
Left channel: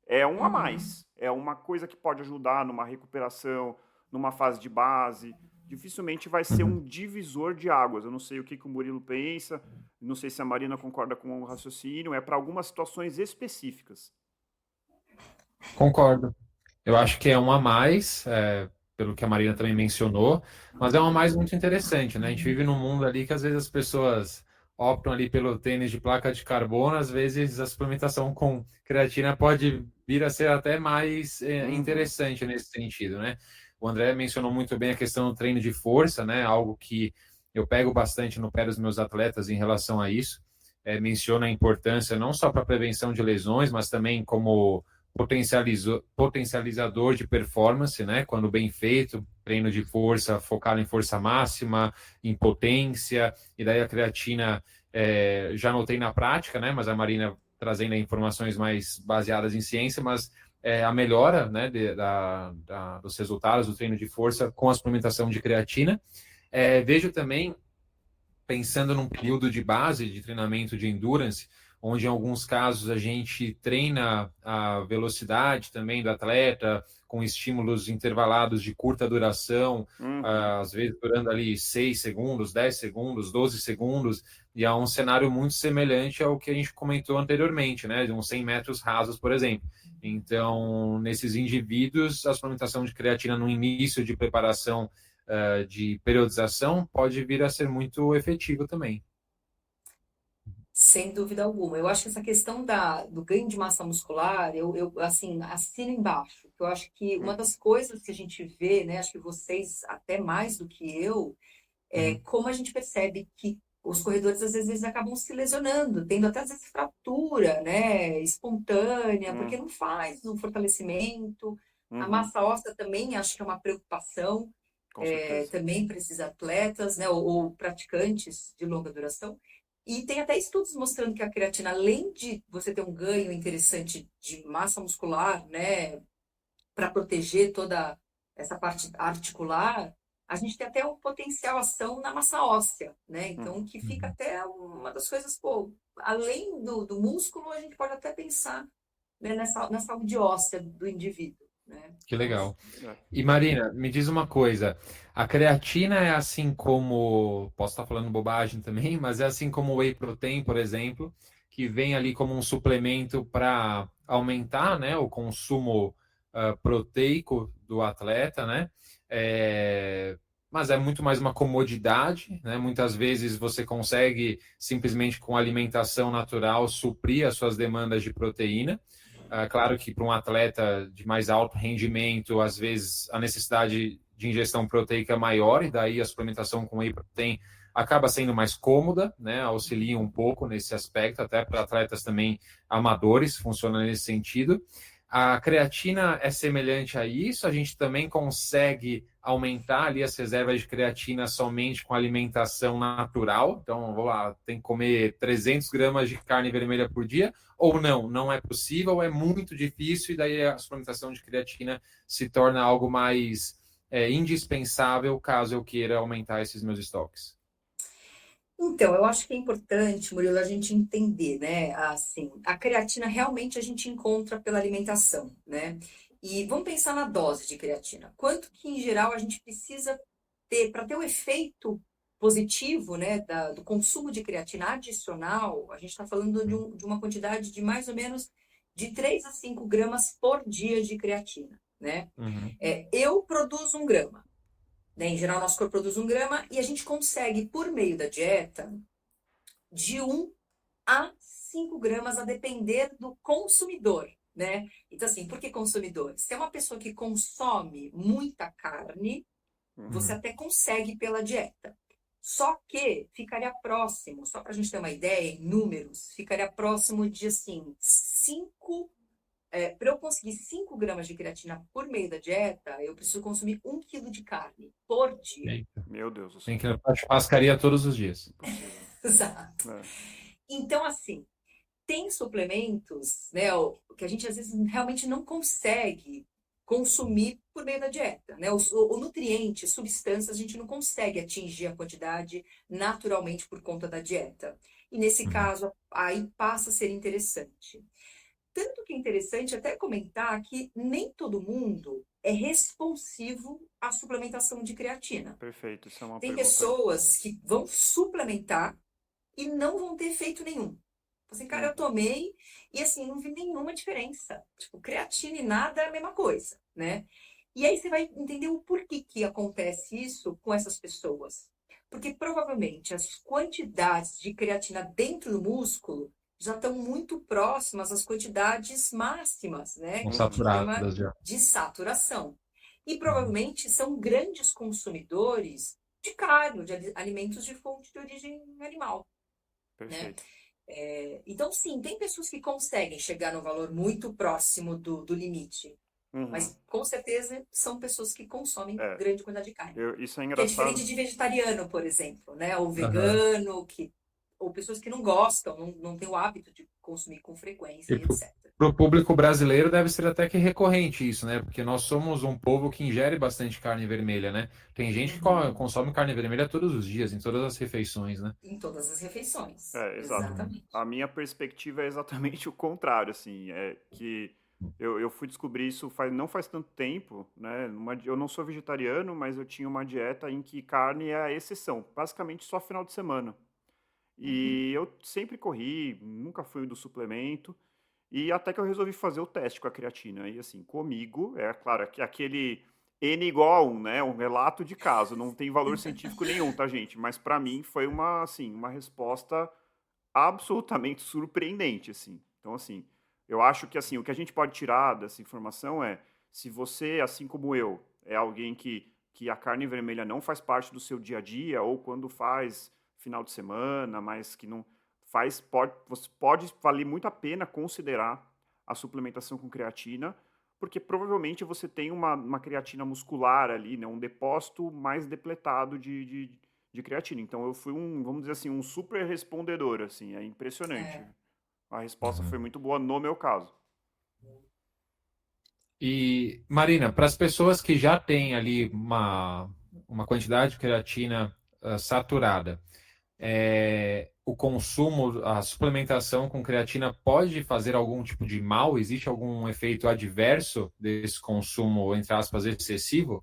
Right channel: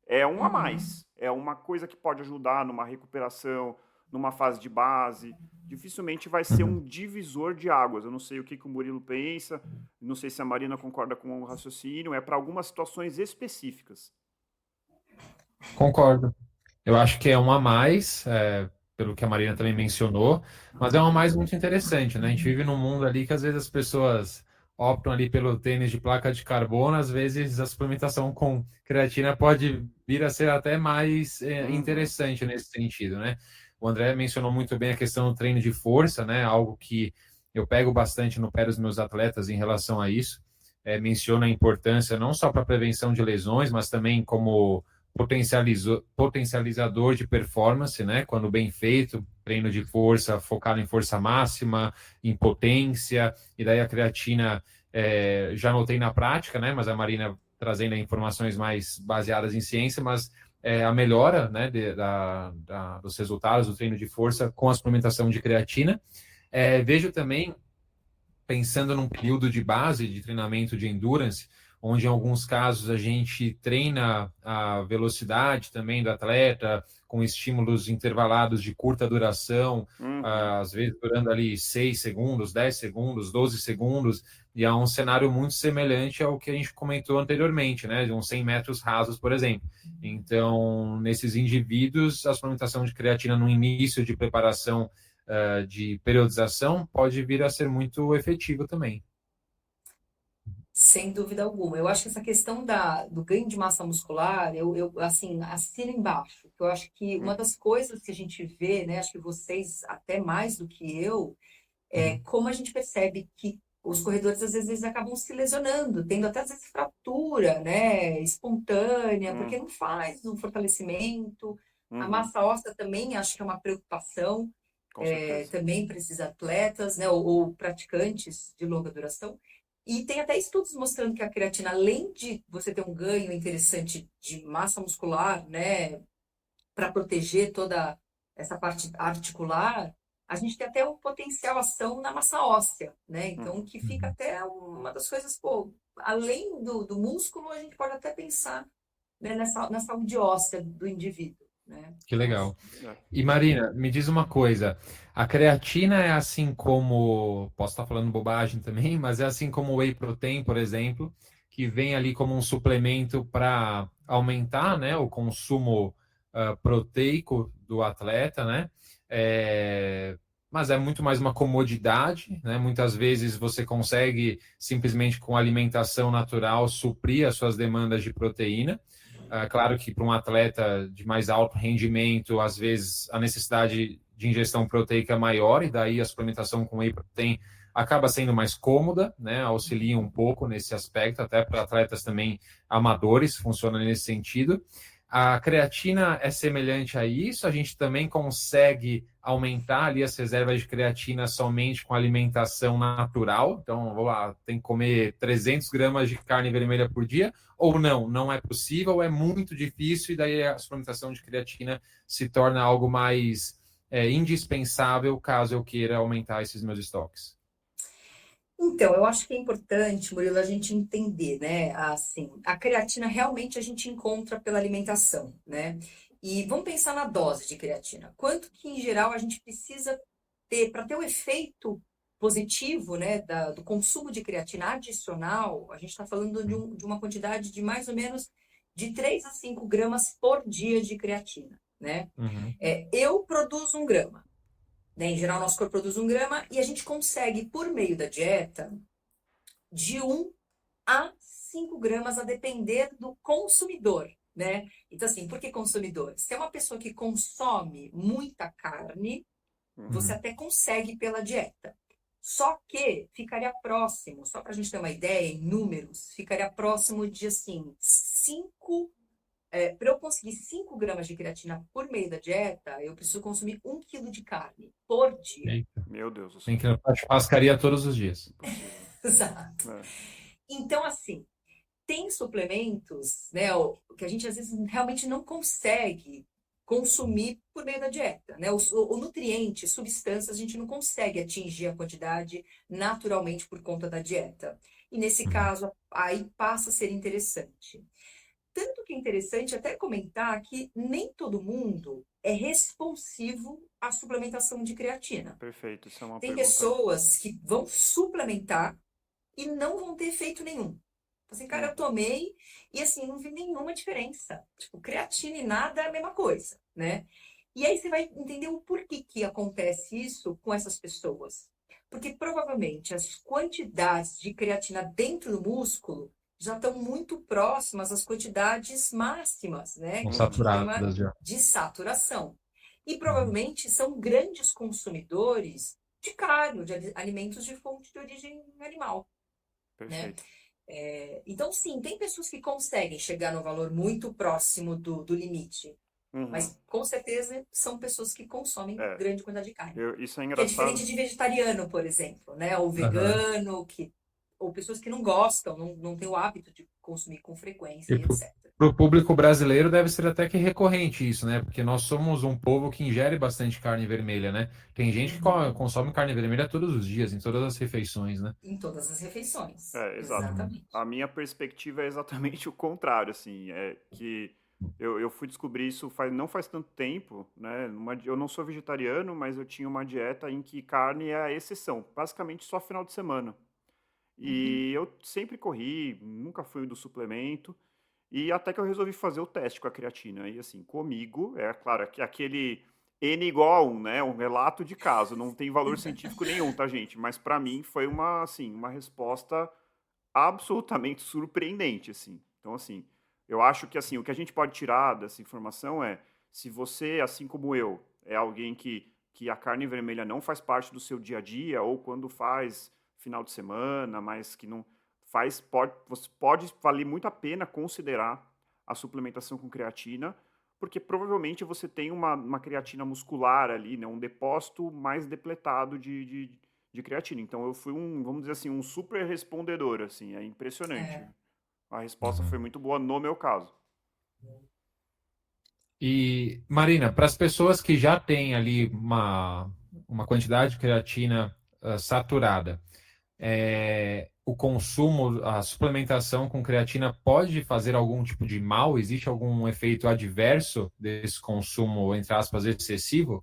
É um a Uhum. mais. É uma coisa que pode ajudar numa recuperação, numa fase de base. Dificilmente vai ser Uhum. um divisor de águas. Eu não sei o que o Murilo pensa, não sei se a Marina concorda com o raciocínio. É para algumas situações específicas. Concordo. Eu acho que é um a mais, pelo que a Marina também mencionou, mas é um a mais muito interessante, né? A gente vive num mundo ali que às vezes as pessoas optam ali pelo tênis de placa de carbono, às vezes a suplementação com creatina pode vir a ser até mais Uhum, interessante nesse sentido, né? O André mencionou muito bem a questão do treino de força, né? Algo que eu pego bastante no pé dos meus atletas em relação a isso. Menciona a importância não só para a prevenção de lesões, mas também como potencializador de performance, né? Quando bem feito, treino de força focado em força máxima, em potência, e daí a creatina já notei na prática, né? Mas a Marina trazendo informações mais baseadas em ciência, mas a melhora, né, dos resultados do treino de força com a suplementação de creatina. Vejo também, pensando num período de base de treinamento de endurance, onde em alguns casos a gente treina a velocidade também do atleta, com estímulos intervalados de curta duração, às vezes durando ali 6 segundos, 10 segundos, 12 segundos, e é um cenário muito semelhante ao que a gente comentou anteriormente, né, de uns 100 metros rasos, por exemplo. Então, nesses indivíduos, a suplementação de creatina no início de preparação de periodização pode vir a ser muito efetivo também. Sem dúvida alguma. Eu acho que essa questão do ganho de massa muscular, eu assim, assino embaixo. Eu acho que uma das coisas que a gente vê, né, acho que vocês até mais do que eu, é como a gente percebe que os corredores às vezes acabam se lesionando, tendo até às vezes fratura, né, espontânea, porque não faz um fortalecimento. A massa óssea também acho que é uma preocupação, também para esses atletas, né, ou praticantes de longa duração. E tem até estudos mostrando que a creatina, além de você ter um ganho interessante de massa muscular, né, para proteger toda essa parte articular, a gente tem até um potencial ação na massa óssea, né? Então, que fica até uma das coisas, pô, além do músculo, a gente pode até pensar, né, na saúde óssea do indivíduo, né? Que legal. E Marina, me diz uma coisa, a creatina é assim como, posso estar falando bobagem também, mas é assim como o whey protein, por exemplo, que vem ali como um suplemento para aumentar, né, o consumo proteico do atleta, né? Mas é muito mais uma comodidade, né? Muitas vezes você consegue simplesmente com alimentação natural suprir as suas demandas de proteína. Claro que para um atleta de mais alto rendimento, às vezes a necessidade de ingestão proteica é maior, e daí a suplementação com whey protein acaba sendo mais cômoda, né? Auxilia um pouco nesse aspecto, até para atletas também amadores, funciona nesse sentido. A creatina é semelhante a isso, a gente também consegue aumentar ali as reservas de creatina somente com alimentação natural, então vamos lá, tem que comer 300 gramas de carne vermelha por dia, ou não é possível, é muito difícil, e daí a suplementação de creatina se torna algo mais indispensável caso eu queira aumentar esses meus estoques. Então, eu acho que é importante, Murilo, a gente entender, né? Assim, a creatina realmente a gente encontra pela alimentação, né? E vamos pensar na dose de creatina. Quanto que, em geral, a gente precisa ter para ter o efeito positivo, né, do consumo de creatina adicional? A gente está falando de uma quantidade de mais ou menos de 3 a 5 gramas por dia de creatina, né? Eu produzo 1 grama. Né? Em geral, nosso corpo produz 1 grama e a gente consegue, por meio da dieta, de 1 a 5 gramas, a depender do consumidor, né? Então, assim, por que consumidor? Se é uma pessoa que consome muita carne, você até consegue pela dieta. Só que ficaria próximo, só para a gente ter uma ideia, em números, ficaria próximo de, assim, 5... para eu conseguir 5 gramas de creatina por meio da dieta, eu preciso consumir 1 quilo de carne por dia. Eita. Meu Deus do céu. Tem que ir na churrascaria todos os dias. Exato. Então, assim, tem suplementos, né, que a gente às vezes realmente não consegue consumir por meio da dieta, né? O nutriente, substâncias, a gente não consegue atingir a quantidade naturalmente por conta da dieta. E nesse caso, aí passa a ser interessante. Tanto que é interessante até comentar que nem todo mundo é responsivo à suplementação de creatina. Perfeito, isso é uma Tem pergunta. pessoas que vão suplementar e não vão ter efeito nenhum. Assim, cara, eu tomei e assim, não vi nenhuma diferença. Tipo, creatina e nada é a mesma coisa, né? E aí você vai entender o porquê que acontece isso com essas pessoas. Porque provavelmente as quantidades de creatina dentro do músculo já estão muito próximas às quantidades máximas, né? São Que a gente saturadas chama já. de saturação. E provavelmente são grandes consumidores de carne, de alimentos de fonte de origem animal, né? Perfeito. Então, sim, tem pessoas que conseguem chegar no valor muito próximo do limite, Uhum. mas com certeza são pessoas que consomem É, grande quantidade de carne. isso é Que é diferente engraçado. de vegetariano, por exemplo, né? Ou Aham. vegano, ou pessoas que não gostam, não têm o hábito de consumir com frequência E e etc. pro público brasileiro deve ser até que recorrente isso, né? Porque nós somos um povo que ingere bastante carne vermelha, né? Tem gente que Uhum. consome carne vermelha todos os dias, em todas as refeições, né? Em todas as refeições. Exato. Uhum. Exatamente. A minha perspectiva é exatamente o contrário, assim, é que eu fui descobrir isso não faz tanto tempo, né? Eu não sou vegetariano, mas eu tinha uma dieta em que carne é a exceção, basicamente só final de semana. Uhum. E eu sempre corri, nunca fui do suplemento, e até que eu resolvi fazer o teste com a creatina. E assim, comigo, é claro, que aquele N igual a 1, né? Um relato de caso, não tem valor científico nenhum, tá, gente? Mas para mim foi uma, assim, uma resposta absolutamente surpreendente, assim. Então, assim, eu acho que assim, o que a gente pode tirar dessa informação é, se você, assim como eu, é alguém que a carne vermelha não faz parte do seu dia a dia, ou quando faz final de semana, mas que não faz, pode valer muito a pena considerar a suplementação com creatina, porque provavelmente você tem uma creatina muscular ali, né, um depósito mais depletado de creatina. Então eu fui vamos dizer assim, um super respondedor, assim, é impressionante. É. A resposta Uhum. foi muito boa no meu caso. E, Marina, para as pessoas que já têm ali uma quantidade de creatina saturada, o consumo, a suplementação com creatina pode fazer algum tipo de mal? Existe algum efeito adverso desse consumo, entre aspas, excessivo?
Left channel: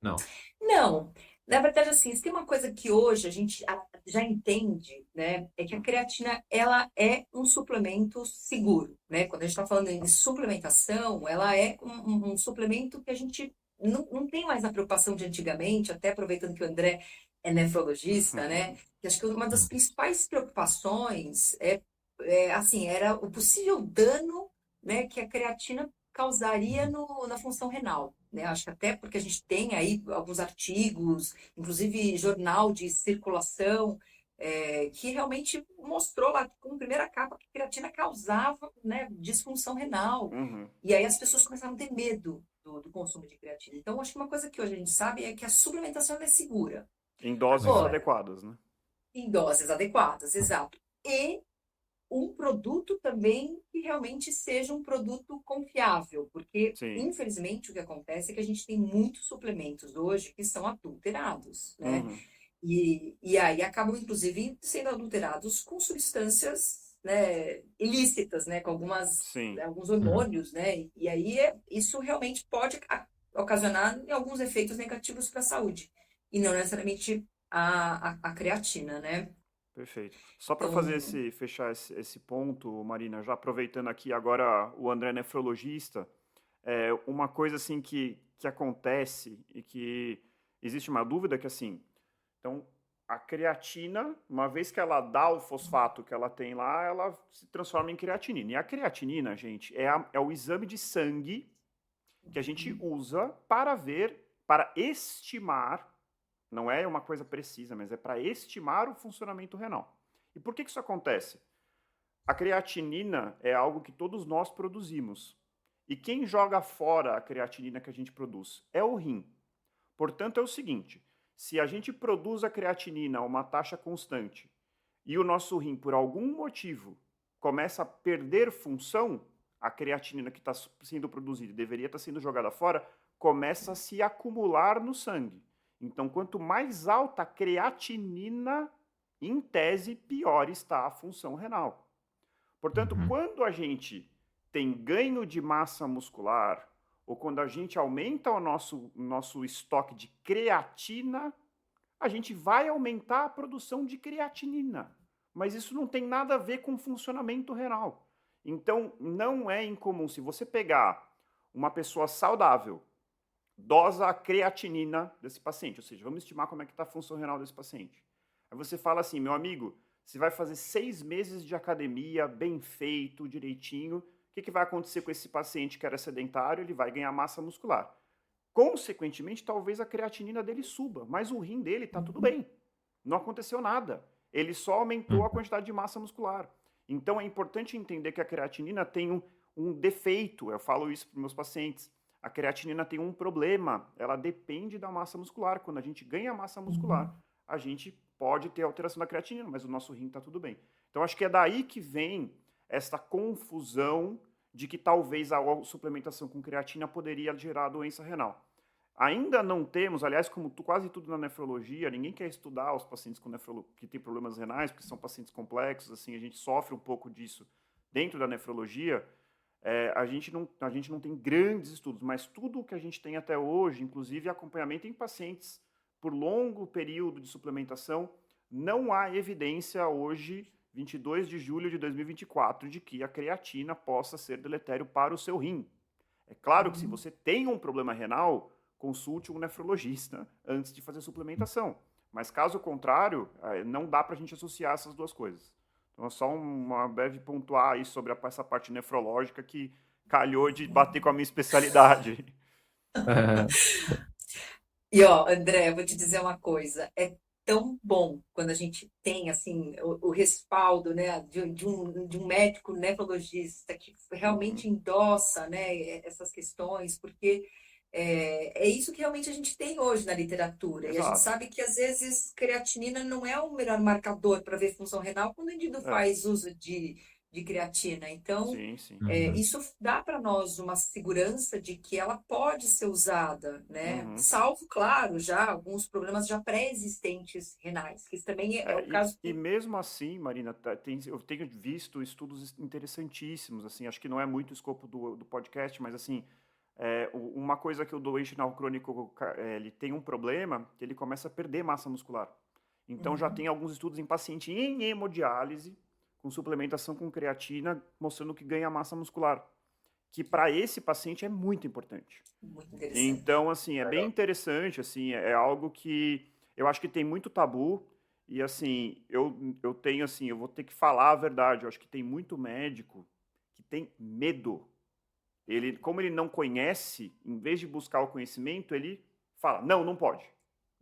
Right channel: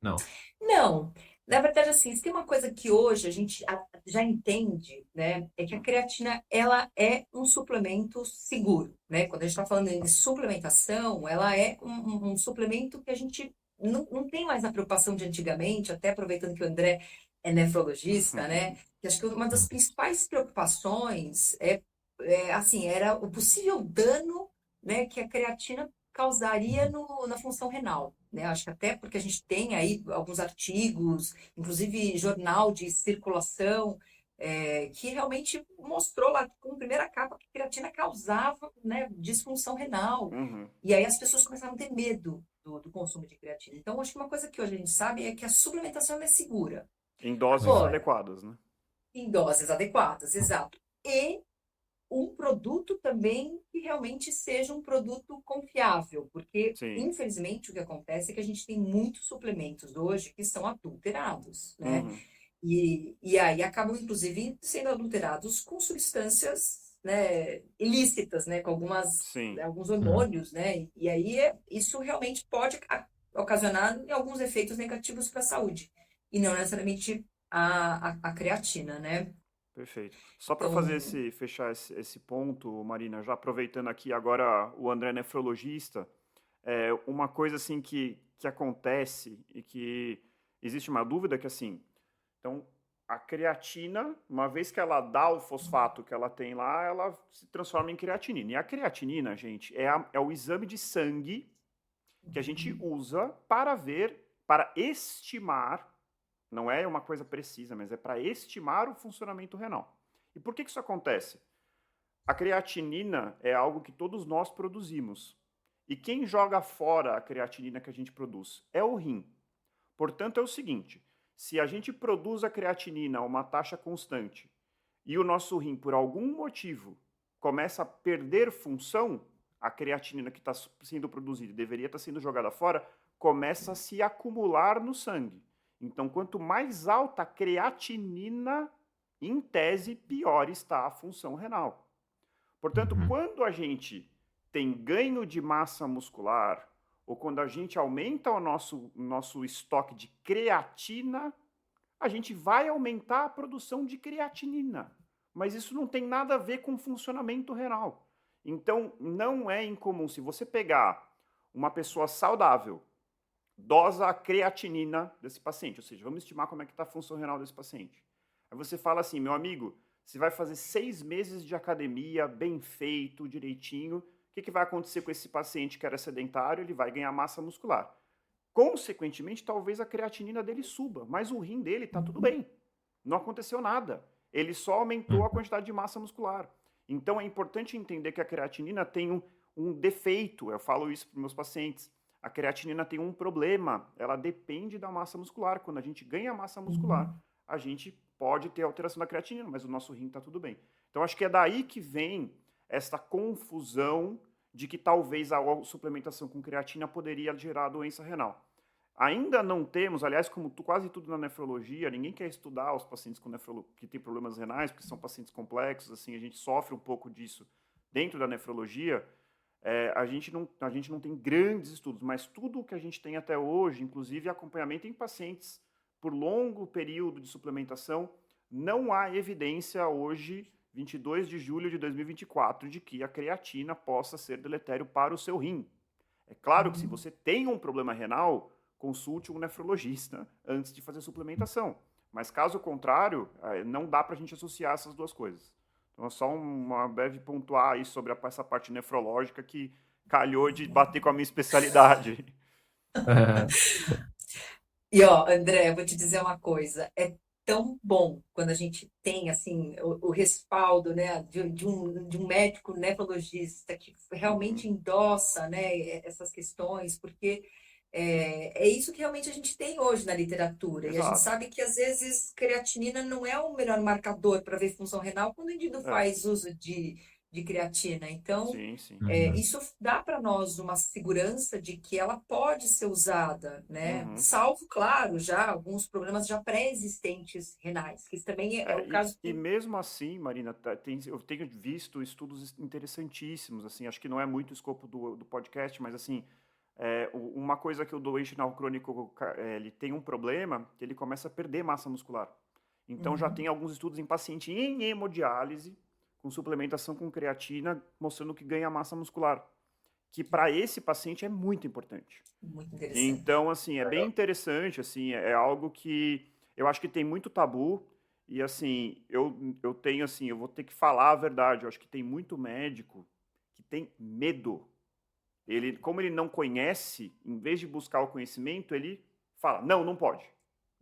Não. Não, na verdade, assim, se tem uma coisa que hoje a gente já entende, né, é que a Uhum. creatina, ela é um suplemento seguro, né? Quando a gente está falando em suplementação, ela é um suplemento que a gente não tem mais a preocupação de antigamente, até aproveitando que o André é nefrologista, né? Que acho que uma das principais preocupações assim, era o possível dano, né, que a creatina causaria na função renal, né? Acho que até porque a gente tem aí alguns artigos, inclusive jornal de circulação, que realmente mostrou lá com primeira capa que a creatina causava, né, disfunção renal. Uhum. E aí as pessoas começaram a ter medo do consumo de creatina. Então, acho que uma coisa que hoje a gente sabe é que a suplementação é segura. Em doses Agora, adequadas, né? em doses adequadas, exato. E um produto também que realmente seja um produto confiável, porque Sim. infelizmente o que acontece é que a gente tem muitos suplementos hoje que são adulterados, né? Uhum. E aí acabam inclusive sendo adulterados com substâncias, né, ilícitas, né, com Sim. alguns Uhum. hormônios, né? E aí isso realmente pode ocasionar alguns efeitos negativos para a saúde e não necessariamente a creatina, né? Perfeito. Só para Então, fechar esse ponto, Marina, já aproveitando aqui agora o André é nefrologista, uma coisa assim que acontece e que existe uma dúvida que assim, então a creatina, uma vez que ela dá o fosfato que ela tem lá, ela se transforma em creatinina. E a creatinina, gente, é o exame de sangue que a gente usa para ver, para estimar, não é uma coisa precisa, mas é para estimar o funcionamento renal. E por que isso acontece? A creatinina é algo que todos nós produzimos. E quem joga fora a creatinina que a gente produz? É o rim. Portanto, é o seguinte: se a gente produz a creatinina a uma taxa constante e o nosso rim, por algum motivo, começa a perder função, a creatinina que está sendo produzida e deveria estar sendo jogada fora, começa a se acumular no sangue. Então, quanto mais alta a creatinina, em tese, pior está a função renal. Portanto, Uhum. quando a gente tem ganho de massa muscular, ou quando a gente aumenta o nosso estoque de creatina, a gente vai aumentar a produção de creatinina. Mas isso não tem nada a ver com funcionamento renal. Então, não é incomum, se você pegar uma pessoa saudável, dosa a creatinina desse paciente, ou seja, vamos estimar como é que está a função renal desse paciente. Aí você fala assim, meu amigo, você vai fazer 6 meses de academia, bem feito, direitinho, o que vai acontecer com esse paciente que era sedentário? Ele vai ganhar massa muscular. Consequentemente, talvez a creatinina dele suba, mas o rim dele está tudo bem. Não aconteceu nada. Ele só aumentou a quantidade de massa muscular. Então é importante entender que a creatinina tem um defeito. Eu falo isso para meus pacientes. A creatinina tem um problema. Ela depende da massa muscular. Quando a gente ganha massa muscular, a gente pode ter alteração da creatinina, mas o nosso rim está tudo bem. Então acho que é daí que vem essa confusão de que talvez a suplementação com creatina poderia gerar doença renal. Ainda não temos, aliás, como quase tudo na nefrologia, ninguém quer estudar os pacientes que têm problemas renais, porque são pacientes complexos, assim, a gente sofre um pouco disso dentro da nefrologia. A gente não tem grandes estudos, mas tudo o que a gente tem até hoje, inclusive acompanhamento em pacientes por longo período de suplementação, não há evidência hoje, 22 de julho de 2024, de que a creatina possa ser deletério para o seu rim. É claro que se você tem um problema renal, consulte um nefrologista antes de fazer suplementação. Mas caso contrário, não dá para a gente associar essas duas coisas. Então é só uma breve pontuar aí sobre essa parte nefrológica que calhou de bater com a minha especialidade. E ó, André, eu vou te dizer uma coisa, é tão bom quando a gente tem assim o respaldo, né, de um médico nefrologista que realmente endossa, né, essas questões, porque é isso que realmente a gente tem hoje na literatura. E a gente Exato. sabe que às vezes creatinina não é o melhor marcador para ver função renal quando o indivíduo faz uso de creatina. Então, Sim, sim. isso dá para nós uma segurança de que ela pode ser usada, né? Salvo, claro, já alguns problemas já pré-existentes renais, que isso também é o caso. E mesmo assim, Marina, eu tenho visto estudos interessantíssimos, assim, acho que não é muito o escopo do podcast, mas assim, uma coisa que o doente renal crônico ele tem um problema, que ele começa a perder massa muscular. Então já tem alguns estudos em paciente em hemodiálise, com suplementação com creatina, mostrando que ganha massa muscular, que para esse paciente é muito importante. Muito interessante. Então, assim, é bem interessante, assim, é algo que eu acho que tem muito tabu, e assim, eu tenho, assim, eu vou ter que falar a verdade, eu acho que tem muito médico que tem medo. Como ele não conhece, em vez de buscar o conhecimento, ele fala, não pode.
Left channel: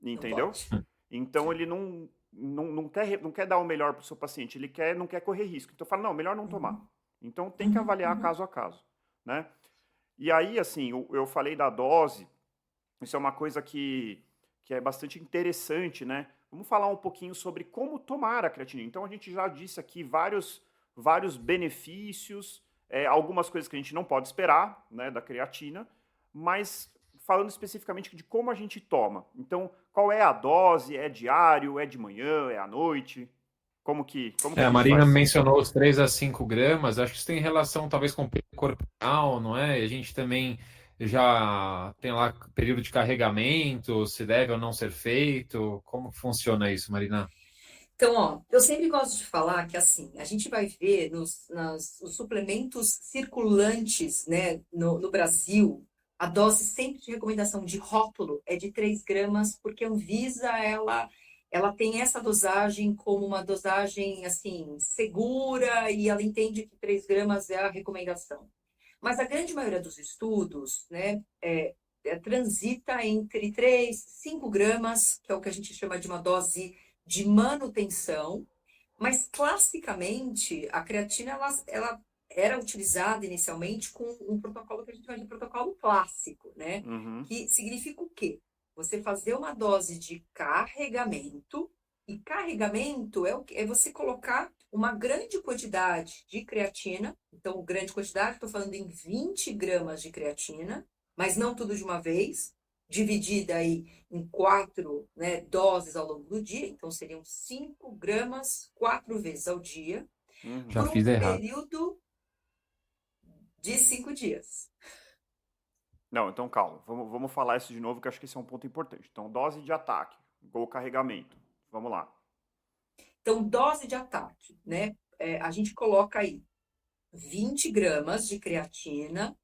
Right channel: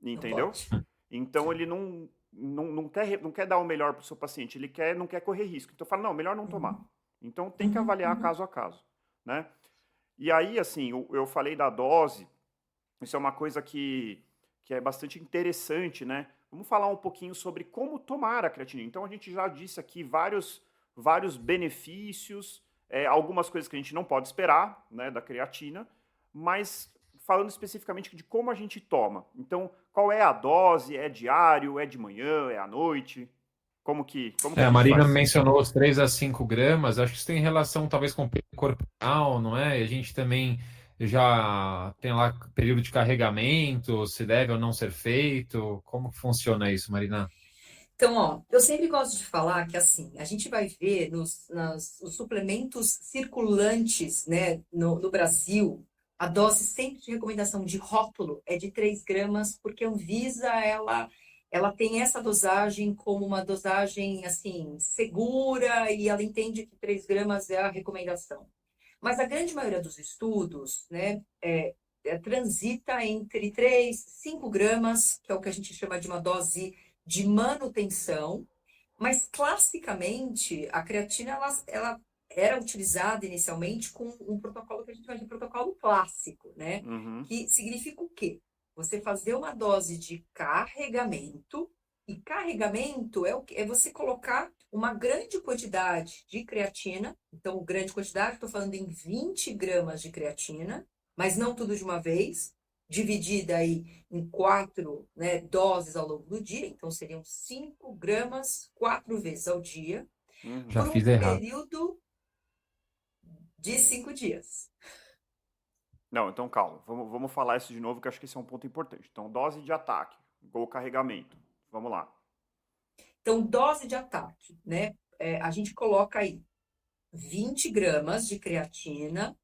Entendeu? Não pode. Então, ele não quer dar o melhor para o seu paciente, não quer correr risco. Então, fala, não, melhor não tomar. Então, tem que avaliar caso a caso, né? E aí, assim, eu falei da dose, isso é uma coisa que é bastante interessante, né? Vamos falar um pouquinho sobre como tomar a creatina. Então, a gente já disse aqui vários benefícios, algumas coisas que a gente não pode esperar, né, da creatina, mas falando especificamente de como a gente toma. Então, qual é a dose? É diário? É de manhã? É à noite? Como que a A gente Marina faz? mencionou os 3 a 5 gramas, acho que isso tem relação talvez com o peso corporal, não é? E a gente também já tem lá período de carregamento, se deve ou não ser feito. Como funciona isso, Marina? Então, ó, eu sempre gosto de falar que, assim, a gente vai ver os suplementos circulantes, né, no Brasil, a dose sempre de recomendação de rótulo é de 3 gramas, porque a Anvisa, ela tem essa dosagem como uma dosagem, assim, segura, e ela entende que 3 gramas é a recomendação. Mas a grande maioria dos estudos, né, transita entre 3 e 5 gramas, que é o que a gente chama de uma dose de manutenção, mas classicamente a creatina ela era utilizada inicialmente com um protocolo que a gente chama de protocolo clássico, né? Que significa o quê? Você fazer uma dose de carregamento, e carregamento é você colocar uma grande quantidade de creatina, então grande quantidade, estou falando em 20 gramas de creatina, mas não tudo de uma vez, dividida aí em 4, né, doses ao longo do dia, então seriam 5 gramas 4 vezes ao dia, Já por fiz um errado. período de 5 dias. Não, então calma, vamos falar isso de novo, que eu acho que esse é um ponto importante. Então, dose de ataque, ou carregamento. Vamos lá. Então, dose de ataque, né? A gente coloca aí 20 gramas de creatina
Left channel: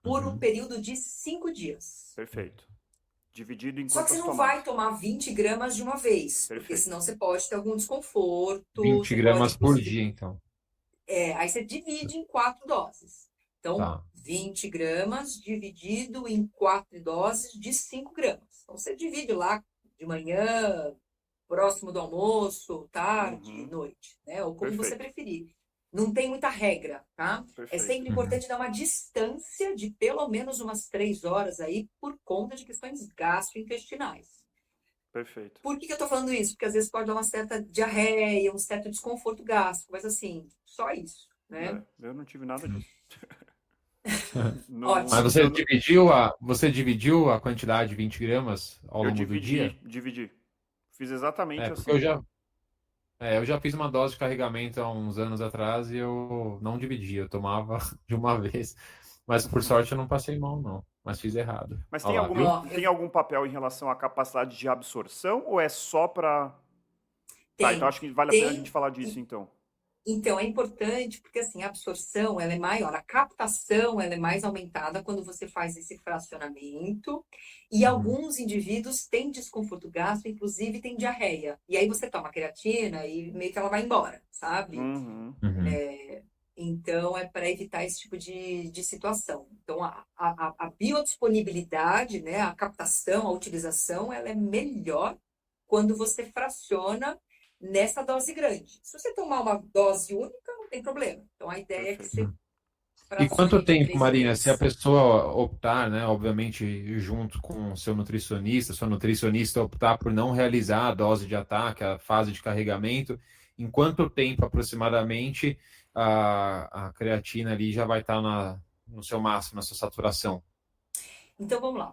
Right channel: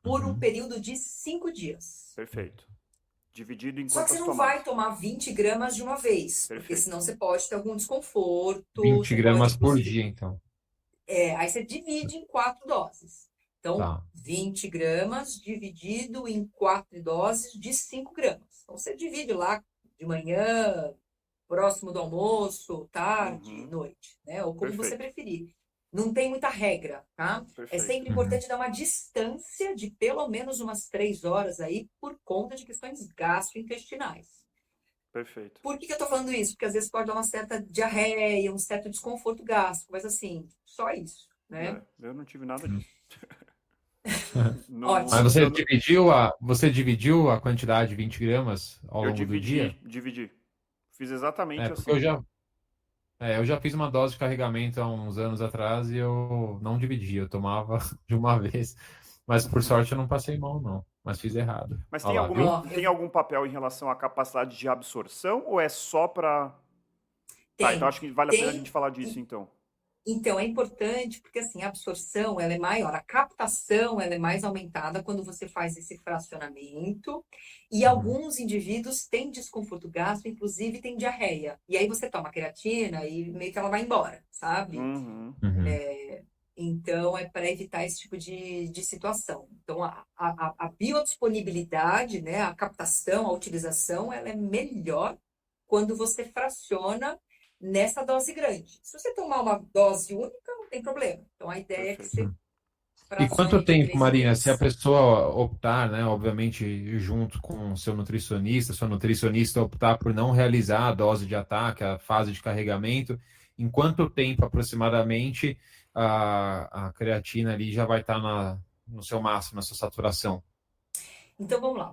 por um período de 5 dias. Perfeito. Dividido em Só que quantas você não tomadas? vai tomar 20 gramas de uma vez, porque Perfeito. senão você pode ter algum desconforto. 20 você gramas pode, por inclusive, dia, então. aí você divide em 4 doses. Então, Tá. 20 gramas dividido em 4 doses de 5 gramas. Então, você divide lá de manhã, próximo do almoço, tarde, Uhum. noite, né? Ou como você Perfeito, preferir. Não tem muita regra, tá? É perfeito. sempre importante dar uma distância de pelo menos umas 3 horas aí por conta de questões gastrointestinais. Perfeito. Por que eu tô falando isso? Porque às vezes pode dar uma certa diarreia, um certo desconforto gástrico, mas assim, só isso, né? Eu não tive nada disso. Mas Ótimo. você dividiu a quantidade de 20 gramas ao Eu longo do dia? dividi. Fiz É, exatamente porque assim. eu já fiz uma dose de carregamento há uns anos atrás e eu não dividi, eu tomava de uma vez. Mas por sorte eu não passei mal, não. Mas fiz errado. Mas Olha lá, viu? Ó, tem algum papel em relação à capacidade de absorção ou é só para. Tá, então tem, acho que vale a pena a gente tem. falar disso então. Então, é importante porque, assim, a absorção, ela é maior, a captação, ela é mais aumentada quando você faz esse fracionamento, e Uhum, alguns indivíduos têm desconforto gástrico, inclusive tem diarreia. E aí você toma creatina e meio que ela vai embora, sabe? Uhum. uhum. Então, é para evitar esse tipo de situação. Então, a biodisponibilidade, né, a captação, a utilização, ela é melhor quando você fraciona nessa dose grande. Se você tomar uma dose única, não tem problema. Então, a ideia é que Perfeito. você E quanto fracione de tempo, 3 em Marina, se a 3. pessoa optar, né, obviamente, junto com o seu nutricionista, sua nutricionista optar por não realizar a dose de ataque, a fase de carregamento, em quanto tempo aproximadamente a creatina ali já vai estar no seu máximo, na sua saturação? Então, vamos lá.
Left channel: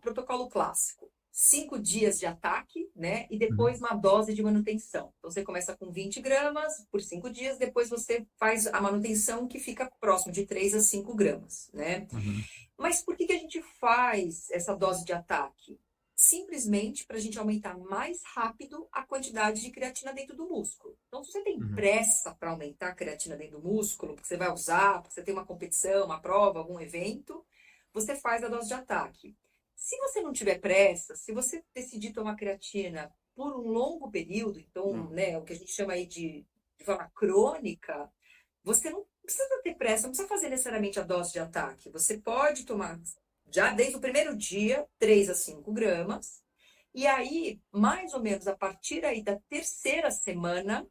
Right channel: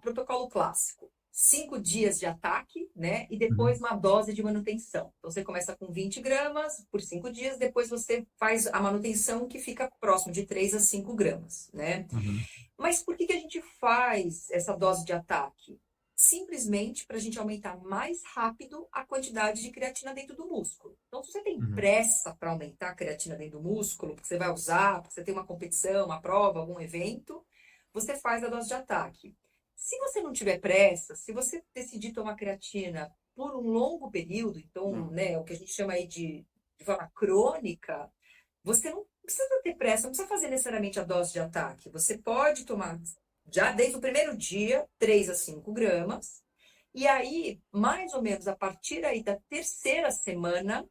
Protocolo clássico. 5 dias de ataque, né? E Uhum, depois uma dose de manutenção. Então, você começa com 20 gramas por 5 dias, depois você faz a manutenção que fica próximo de 3 a 5 gramas, né? uhum, Mas por que a gente faz essa dose de ataque? Simplesmente para a gente aumentar mais rápido a quantidade de creatina dentro do músculo. Então, se você tem uhum, pressa para aumentar a creatina dentro do músculo, porque você vai usar, porque você tem uma competição, uma prova, algum evento, você faz a dose de ataque. Se você não tiver pressa, se você decidir tomar creatina por um longo período, então, Uhum. né, o que a gente chama aí de forma crônica, você não precisa ter pressa, não precisa fazer necessariamente a dose de ataque. Você pode tomar já desde o primeiro dia, 3 a 5 gramas, e aí, mais ou menos a partir aí da terceira semana,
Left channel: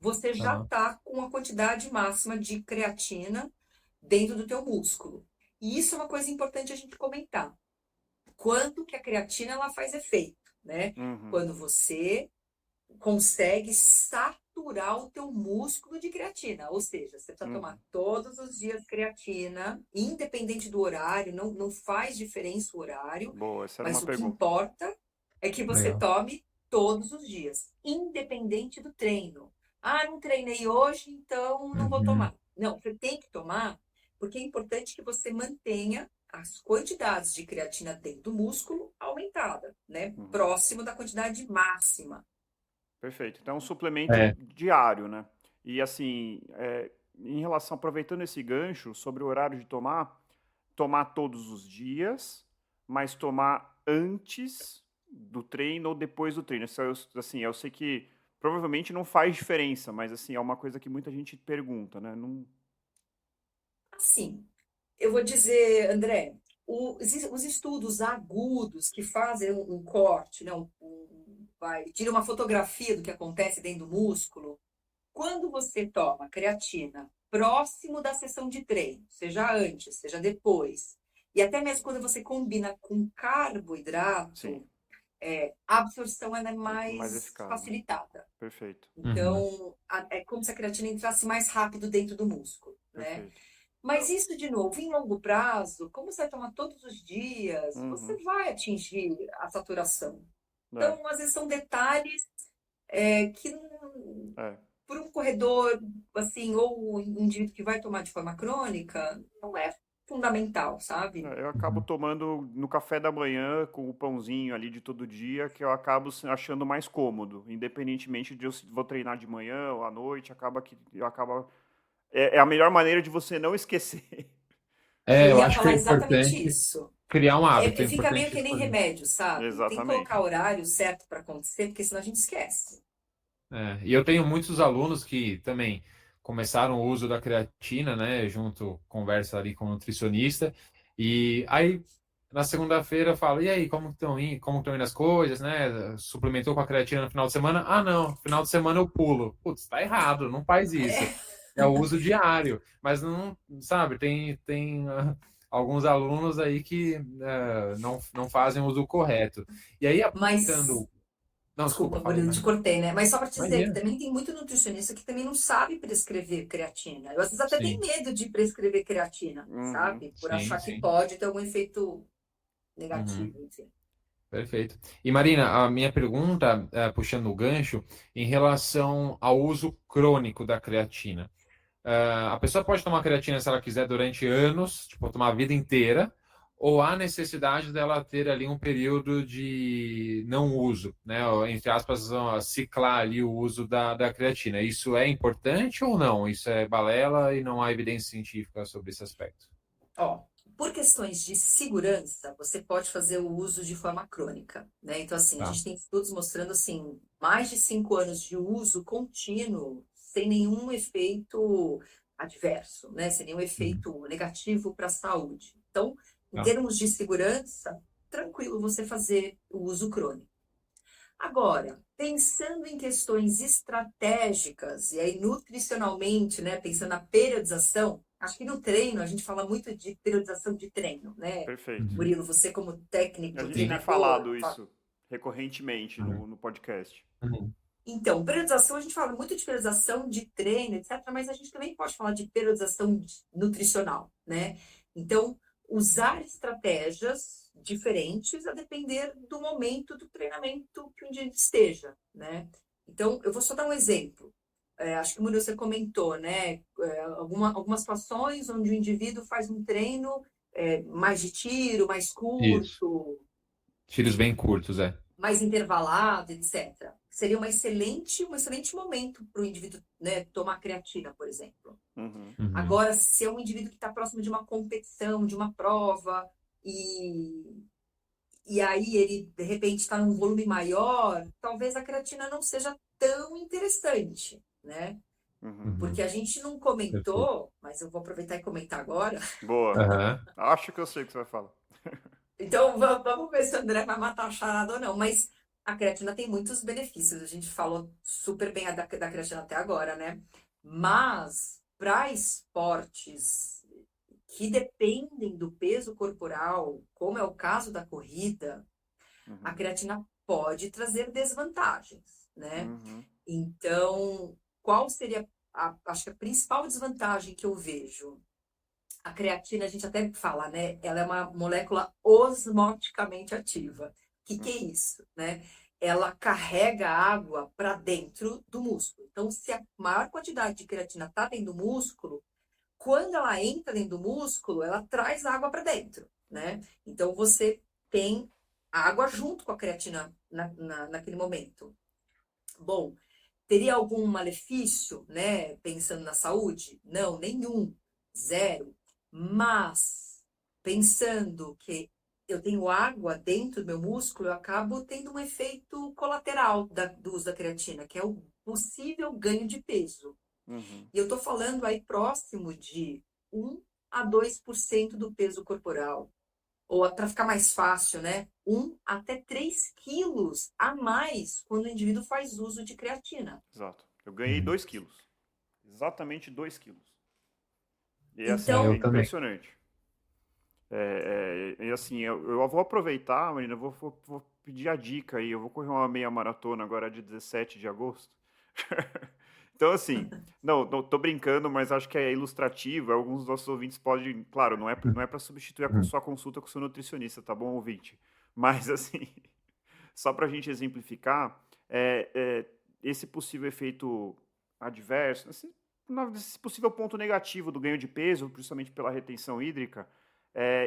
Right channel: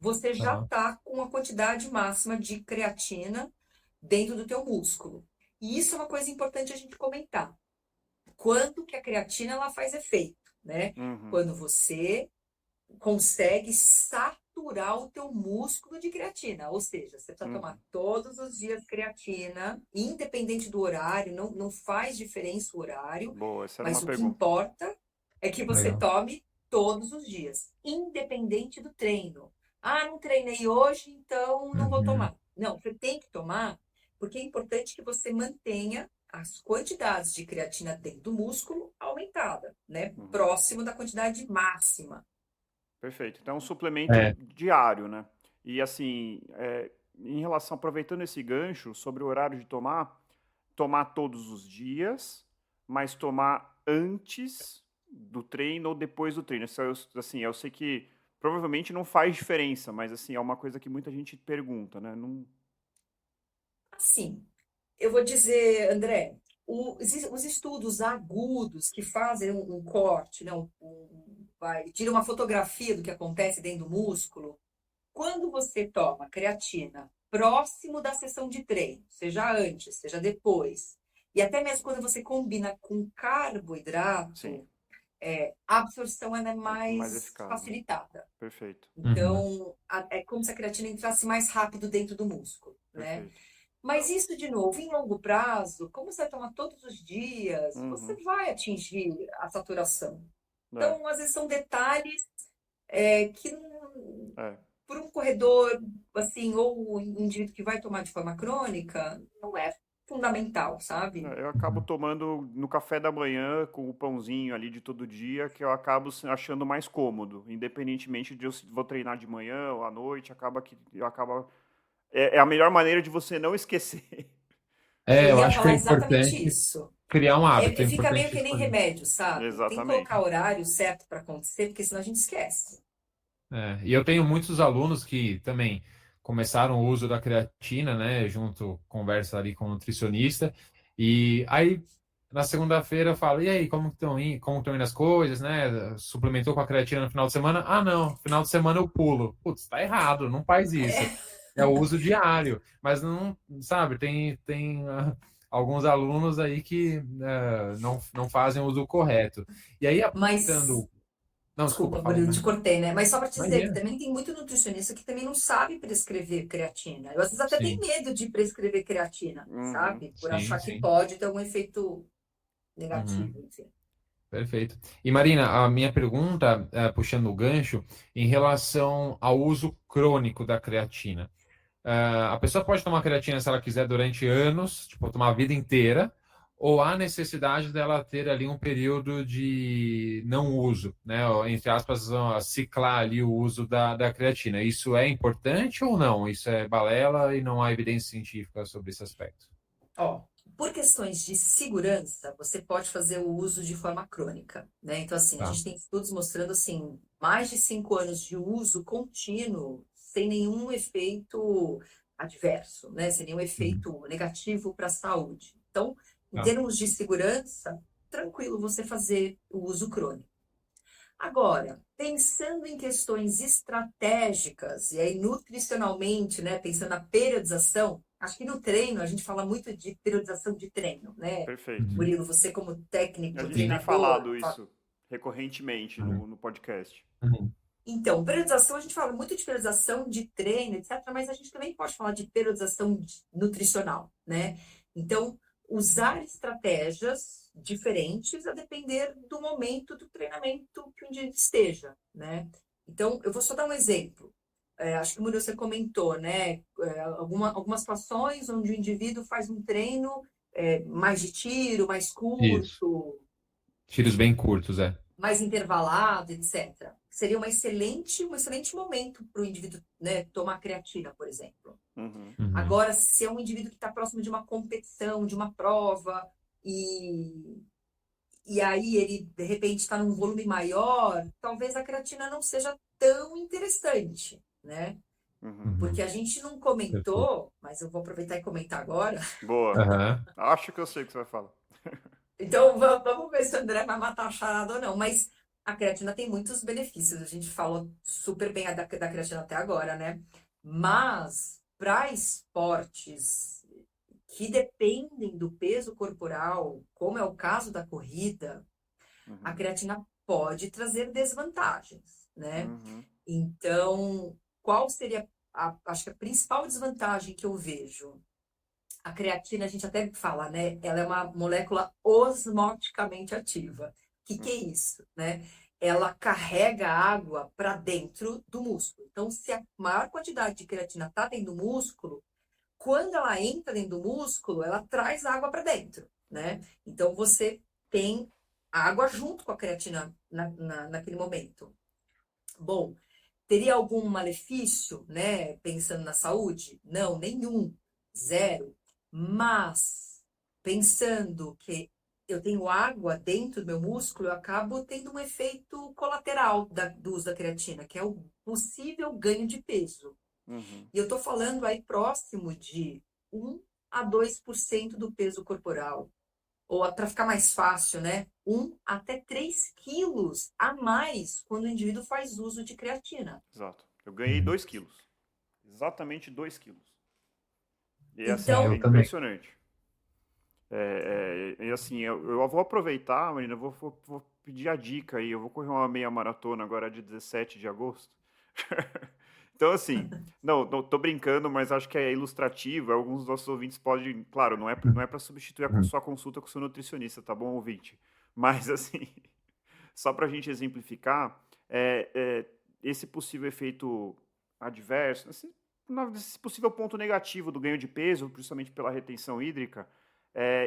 você já tá. está com a quantidade máxima de creatina dentro do teu músculo. E isso é uma coisa importante a gente comentar. Quando que a creatina ela faz efeito, né? Uhum. Quando você consegue saturar o teu músculo de creatina. Ou seja, você precisa tomar Uhum. todos os dias creatina, independente do horário, não faz diferença o horário, Boa, essa era uma mas o que pergunta. importa é que você Legal. tome todos os dias, independente do treino. Ah, não treinei hoje, então não vou Uhum, tomar. Não, você tem que tomar, porque é importante que você mantenha as quantidades de creatina dentro do músculo aumentada, né? Uhum. Próximo da quantidade máxima. Perfeito. Então, é um suplemento é, diário, né? E assim, em relação, aproveitando esse gancho sobre o horário de tomar todos os dias, mas tomar antes do treino ou depois do treino. Isso assim, eu sei que provavelmente não faz diferença, mas assim, é uma coisa que muita gente pergunta, né? Não. Assim, eu vou dizer, André, os estudos agudos que fazem um corte, né, tira uma fotografia do que acontece dentro do músculo, quando você toma creatina próximo da sessão de treino, seja antes, seja depois, e até mesmo quando você combina com Sim, carboidrato, a absorção ela é mais mais eficaz, né? facilitada. Perfeito, uhum, Então, é como se a creatina entrasse mais rápido dentro do músculo, né? perfeito. Mas isso, de novo, em longo prazo, como você vai tomar todos os dias, você Uhum. vai atingir a saturação. É, Então, às vezes, são detalhes que, é. por um corredor, assim, ou um indivíduo que vai tomar de forma crônica, não é fundamental, sabe? Eu acabo uhum. tomando no café da manhã com o pãozinho ali de todo dia, que eu acabo achando mais cômodo, independentemente de eu se vou treinar de manhã ou à noite, acaba que eu acabo é a melhor maneira de você não esquecer. Eu Eu ia acho que é falar exatamente importante isso. criar um hábito, é Fica meio importante que nem escolher. remédio, sabe? Tem que colocar Exatamente. horário certo para acontecer, porque senão a gente esquece. E eu tenho muitos alunos que também começaram o uso da creatina, né? Junto, conversa ali com o nutricionista. E aí, na segunda-feira, eu falo, e aí, como estão indo as coisas, né? Suplementou com a creatina no final de semana? Ah, não, final de semana eu pulo. Putz, tá errado, não faz isso. É, É o uso diário. Mas não, sabe, tem alguns alunos aí que não fazem o uso correto. E aí, mas, aproveitando. Não, desculpa, desculpa, fala aí, Murilo, te mas. cortei, né? Mas só para te dizer que Imagina. também tem muito nutricionista que também não sabe prescrever creatina. Eu às vezes até tenho Sim. medo de prescrever creatina, Uhum. sabe? Por Sim, achar que sim. pode ter algum efeito Uhum, negativo, enfim. perfeito. E Marina, a minha pergunta, puxando o gancho, em relação ao uso crônico da creatina. A pessoa pode tomar creatina se ela quiser durante anos, tipo, tomar a vida inteira, ou há necessidade dela ter ali um período de não uso, né? Ou, entre aspas, ciclar ali o uso da creatina. Isso é importante ou não? Isso é balela e não há evidência científica sobre esse aspecto? Ó, por questões de segurança, você pode fazer o uso de forma crônica, né? Então, assim, a Tá. gente tem estudos mostrando, assim, mais de 5 anos de uso contínuo, sem nenhum efeito adverso, né? Sem nenhum Uhum. efeito negativo para a saúde. Então, em Tá. termos de segurança, tranquilo você fazer o uso crônico. Agora, pensando em questões estratégicas, e aí nutricionalmente, né, pensando na periodização, acho que no treino a gente fala muito de periodização de treino, né? Perfeito. Uhum. Murilo, você como A técnico, gente tem treinador, falado isso recorrentemente Uhum. no podcast. Uhum. então, periodização, a gente fala muito de periodização de treino, etc., mas a gente também pode falar de periodização nutricional, né? Então, usar estratégias diferentes a depender do momento do treinamento que o indivíduo esteja, né? Então, eu vou só dar um exemplo. Acho que o Murilo, você comentou, né? Algumas situações onde o indivíduo faz um treino mais de tiro, mais Isso. curto, Tiros bem curtos, é. mais intervalado, etc. Seria um excelente momento para o indivíduo, né, tomar creatina, por exemplo. Uhum. Uhum. Agora, se é um indivíduo que está próximo de uma competição, de uma prova, e, e aí ele, de repente, está num volume maior, talvez a creatina não seja tão interessante, né? Uhum. Porque Uhum. a gente não Perfeito. comentou, mas eu vou aproveitar e comentar agora. Boa. Aham. Acho que eu sei o que você vai falar. Então, vamos ver se o André vai matar a charada ou não. Mas a creatina tem muitos benefícios. A gente falou super bem da creatina até agora, né? Mas para esportes que dependem do peso corporal, como é o caso da corrida, a Uhum. creatina pode trazer desvantagens, né? Uhum. Então, qual seria acho que a principal desvantagem que eu vejo? A creatina, a gente até fala, né? Ela é uma molécula osmoticamente ativa. O que é isso, né? Ela carrega água para dentro do músculo. Então, se a maior quantidade de creatina está dentro do músculo, quando ela entra dentro do músculo, ela traz água para dentro, né? Então, você tem água junto com a creatina naquele momento. Bom, teria algum malefício, né? Pensando na saúde? Não, nenhum. Zero. Mas, pensando que eu tenho água dentro do meu músculo, eu acabo tendo um efeito colateral do uso da creatina, que é o possível ganho de peso. Uhum. E eu estou falando aí próximo de 1 a 2% do peso corporal. Ou para ficar mais fácil, né? 1 até 3 quilos a mais quando o indivíduo faz uso de creatina. Exato. Eu ganhei Uhum. 2 quilos. Exatamente 2 quilos. E é Sim, assim, é eu Então, também. impressionante. E assim, eu vou aproveitar, Marina, vou pedir a dica aí. Eu vou correr uma meia maratona agora de 17 de agosto. Então, assim, não, tô brincando, mas acho que é ilustrativo. Alguns dos nossos ouvintes podem. Claro, não é para substituir a Uhum. sua consulta com o seu nutricionista, tá bom, ouvinte? Mas, assim, só para a gente exemplificar, esse possível efeito adverso, esse possível ponto negativo do ganho de peso, principalmente pela retenção hídrica,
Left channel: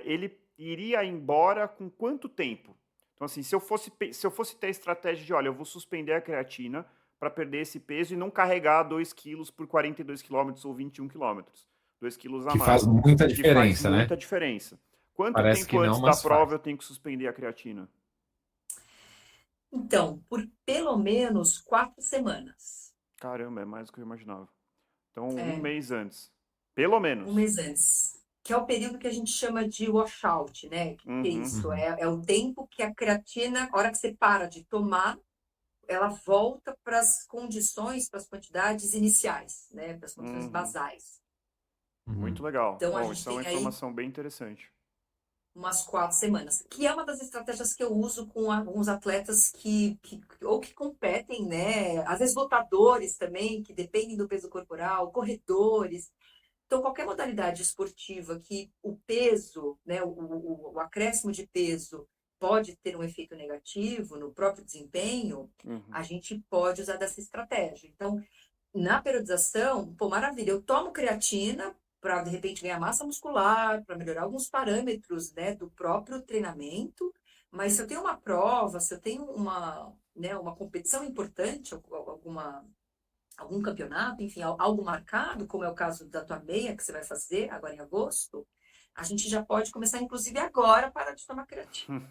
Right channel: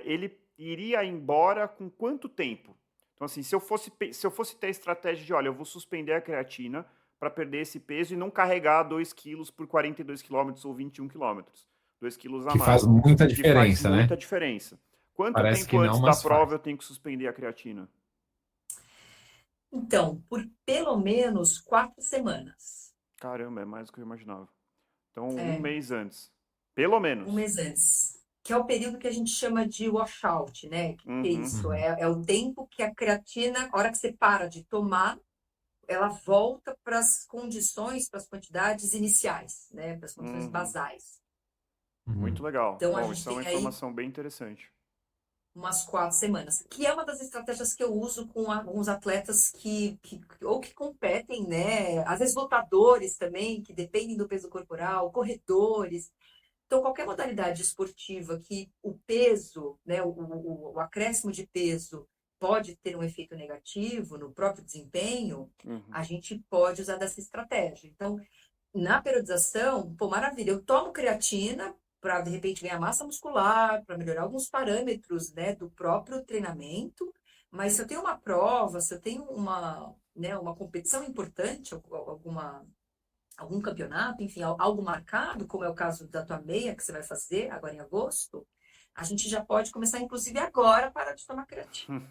ele iria embora com quanto tempo? Então, assim, se eu fosse ter a estratégia de, olha, eu vou suspender a creatina para perder esse peso e não carregar 2 quilos por 42 quilômetros ou 21 quilômetros, 2 quilos a Que faz mais, muita que faz diferença, né? muita diferença. Quanto Parece tempo que não, antes da mas prova faz. eu tenho que suspender a creatina? por pelo menos 4 semanas. Caramba, é mais do que eu imaginava. Então, um É, mês antes. Pelo um menos. mês antes. Que é o período que a gente chama de washout, né? Que é Uhum. isso? Uhum. É o tempo que a creatina, a hora que você para de tomar, ela volta para as condições, para as quantidades iniciais, né? Para as condições Uhum. basais. Uhum. Muito legal. Então, a Bom, gente isso é uma tem aí informação bem interessante. umas 4 semanas, que é uma das estratégias que eu uso com alguns atletas ou que competem, né? Às vezes lutadores também, que dependem do peso corporal, corredores. Então, qualquer modalidade esportiva que o peso, né, o acréscimo de peso pode ter um efeito negativo no próprio desempenho, Uhum. a gente pode usar dessa estratégia. Então, na periodização, pô, maravilha, eu tomo creatina para, de repente, ganhar massa muscular, para melhorar alguns parâmetros, né, do próprio treinamento, mas se eu tenho uma prova, se eu tenho uma competição importante, algum campeonato, enfim, algo marcado, como é o caso da tua meia que você vai fazer agora em agosto, a gente já pode começar, inclusive agora, a parar de tomar creatina.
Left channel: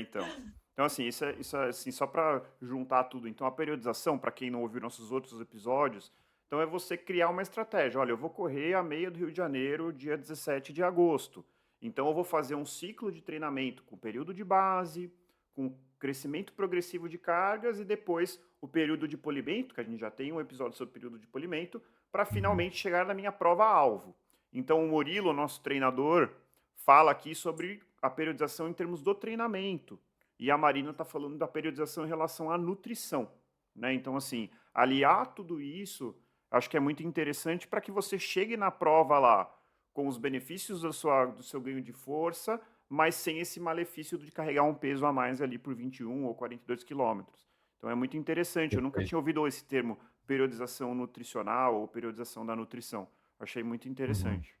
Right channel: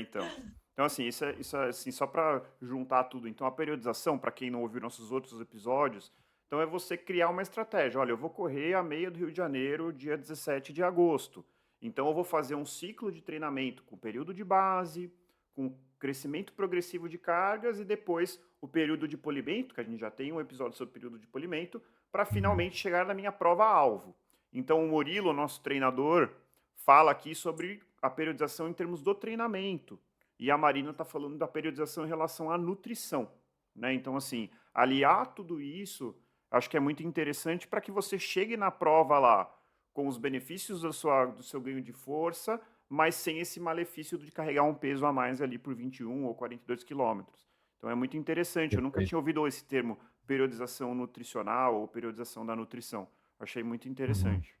Então. Então, assim, isso é assim, só para juntar tudo. Então, a periodização, para quem não ouviu nossos outros episódios, então é você criar uma estratégia. Olha, eu vou correr a meia do Rio de Janeiro, dia 17 de agosto. Então, eu vou fazer um ciclo de treinamento com período de base, com crescimento progressivo de cargas e depois o período de polimento, que a gente já tem um episódio sobre período de polimento, para Uhum. finalmente chegar na minha prova-alvo. Então, o Murilo, nosso treinador, fala aqui sobre a periodização em termos do treinamento. E a Marina está falando da periodização em relação à nutrição. Né? Então, assim, aliar tudo isso, acho que é muito interessante para que você chegue na prova lá com os benefícios do seu ganho de força, mas sem esse malefício de carregar um peso a mais ali por 21 ou 42 quilômetros. Então, é muito interessante. Eu nunca Perfeito. tinha ouvido esse termo periodização nutricional ou periodização da nutrição. Achei muito Uhum. interessante.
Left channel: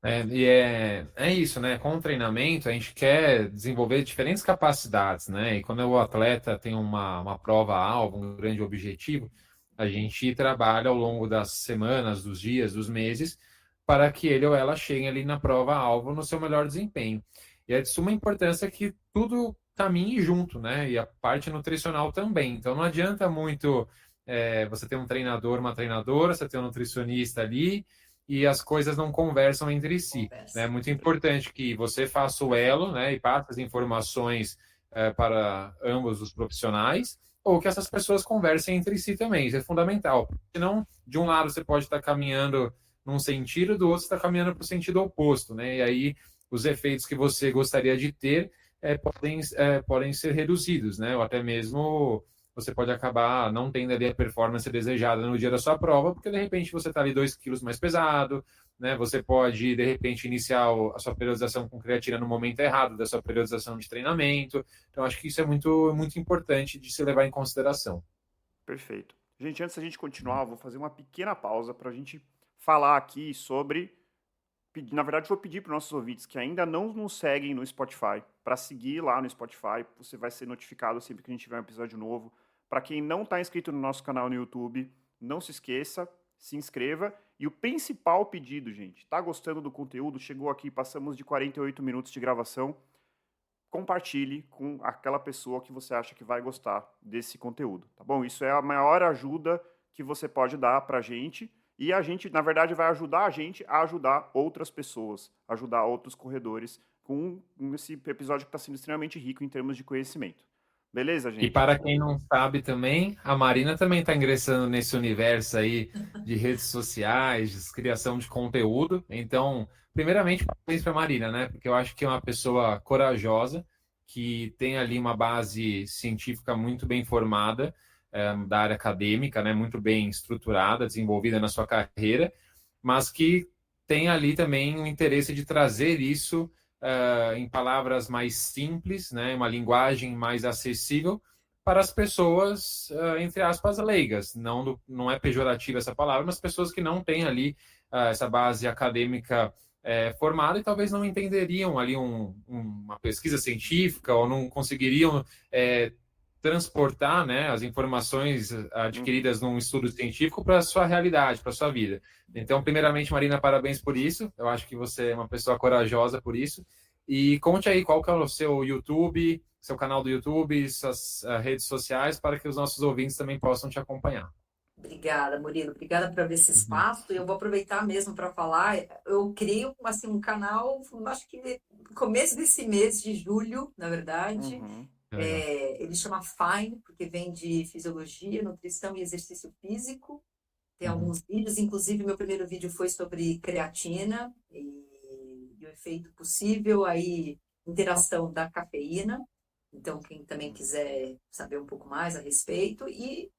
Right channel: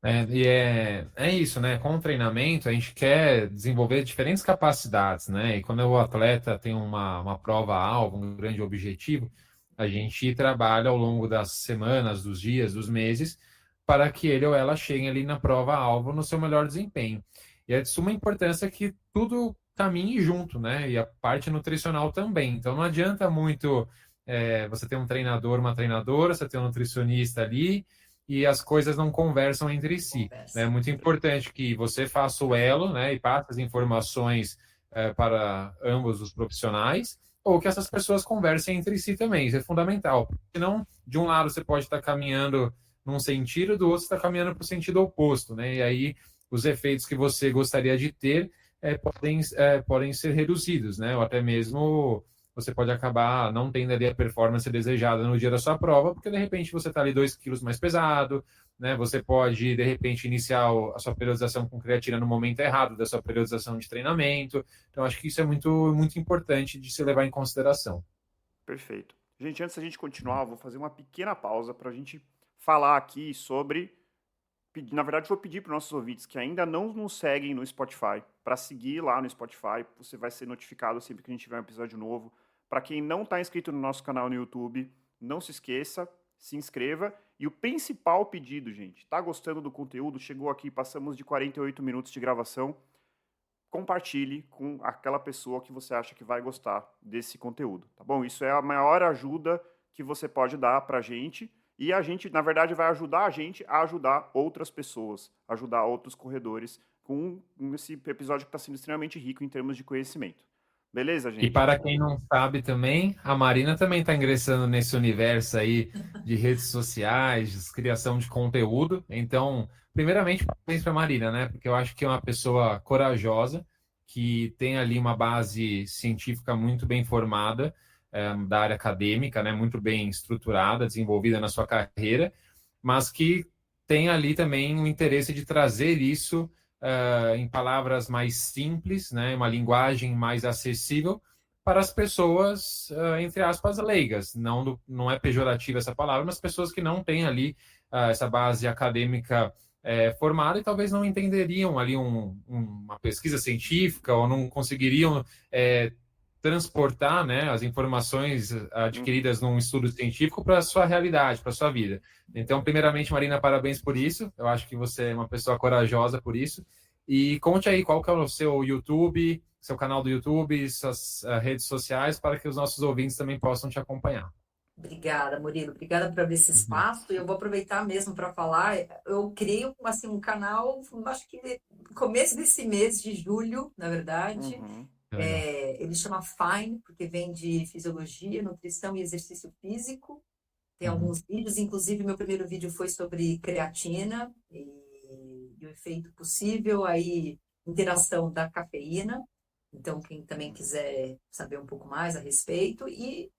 É isso, né? Com o treinamento, a gente quer desenvolver diferentes capacidades, né? E quando o atleta tem uma prova-alvo, um grande objetivo, a gente trabalha ao longo das semanas, dos dias, dos meses, para que ele ou ela chegue ali na prova-alvo no seu melhor desempenho. E é de suma importância que tudo caminhe junto, né? E a parte nutricional também. Então não adianta muito você ter um treinador, uma treinadora, você ter um nutricionista ali e as coisas não conversam entre si. Né? É Conversa. muito importante que você faça o Perfeito. elo, né, e passe as informações para ambos os profissionais, ou que essas pessoas conversem entre si também. Isso é fundamental. Senão, de um lado você pode estar caminhando num sentido, do outro você está caminhando para o sentido oposto, né? E aí os efeitos que você gostaria de ter podem ser reduzidos, né? Ou até mesmo você pode acabar não tendo ali a performance desejada no dia da sua prova, porque de repente você está ali 2 quilos mais pesado, né? Você pode, de repente, iniciar a sua periodização com creatina no momento errado da sua periodização de treinamento. Então, acho que isso é muito, muito importante de se levar em consideração. Perfeito. Gente, antes da gente continuar, eu vou fazer uma pequena pausa para a gente falar aqui sobre. Na verdade, vou pedir para os nossos ouvintes que ainda não nos seguem no Spotify, para seguir lá no Spotify. Você vai ser notificado sempre que a gente tiver um episódio novo. Para quem não está inscrito no nosso canal no YouTube, não se esqueça, se inscreva. E o principal pedido, gente, está gostando do conteúdo? Chegou aqui, passamos de 48 minutos de gravação. Compartilhe com aquela pessoa que você acha que vai gostar desse conteúdo, tá bom? Isso é a maior ajuda que você pode dar para a gente e a gente, na verdade, vai ajudar a gente a ajudar outras pessoas, ajudar outros corredores com esse episódio que está sendo extremamente rico em termos de conhecimento. Beleza, E gente? para quem não sabe também, a Marina também está ingressando nesse universo aí de redes sociais, de criação de conteúdo. Então, primeiramente, parabéns para a Marina, né? Porque eu acho que é uma pessoa corajosa, que tem ali uma base científica muito bem formada, da área acadêmica, né? Muito bem estruturada, desenvolvida na sua carreira, mas que tem ali também o interesse de trazer isso em palavras mais simples, né? Uma linguagem mais acessível para as pessoas, entre aspas, leigas. Não é pejorativa essa palavra, mas pessoas que não têm ali essa base acadêmica formada e talvez não entenderiam ali uma pesquisa científica ou não conseguiriam transportar, né, as informações Uhum. adquiridas num estudo científico para a sua realidade, para a sua vida. Então, primeiramente, Marina, parabéns por isso. Eu acho que você é uma pessoa corajosa por isso. E conte aí qual que é o seu YouTube, seu canal do YouTube, suas redes sociais, para que os nossos ouvintes também possam te acompanhar. Obrigada, Murilo. Obrigada por abrir esse Uhum. espaço. E eu vou aproveitar mesmo para falar. Eu criei assim, um canal, acho que no começo desse mês de julho, na verdade. Uhum. Que legal. Ele chama Fine, porque vem de fisiologia, nutrição e exercício físico. Tem Uhum. alguns vídeos, inclusive meu primeiro vídeo foi sobre creatina e o efeito possível, aí interação da cafeína. Então, quem também quiser saber um pouco mais a respeito, e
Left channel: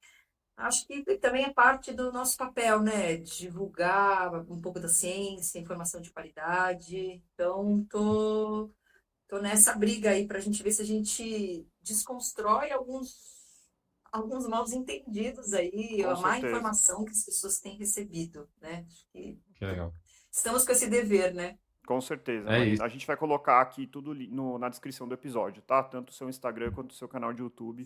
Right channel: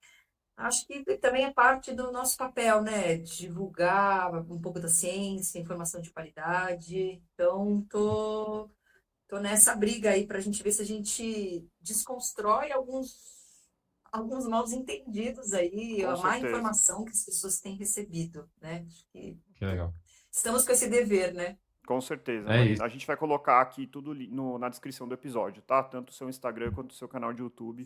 acho que também é parte do nosso papel, né? Divulgar um pouco da ciência, informação de qualidade. Então, tô nessa briga aí para a gente ver se a gente desconstrói alguns mal entendidos aí, Com a má certeza. informação que as pessoas têm recebido, né? Acho que Que legal. estamos com esse dever, né? Com certeza, É Marina. isso. A gente vai colocar aqui tudo na descrição do episódio, tá? Tanto o seu Instagram quanto o seu canal de YouTube,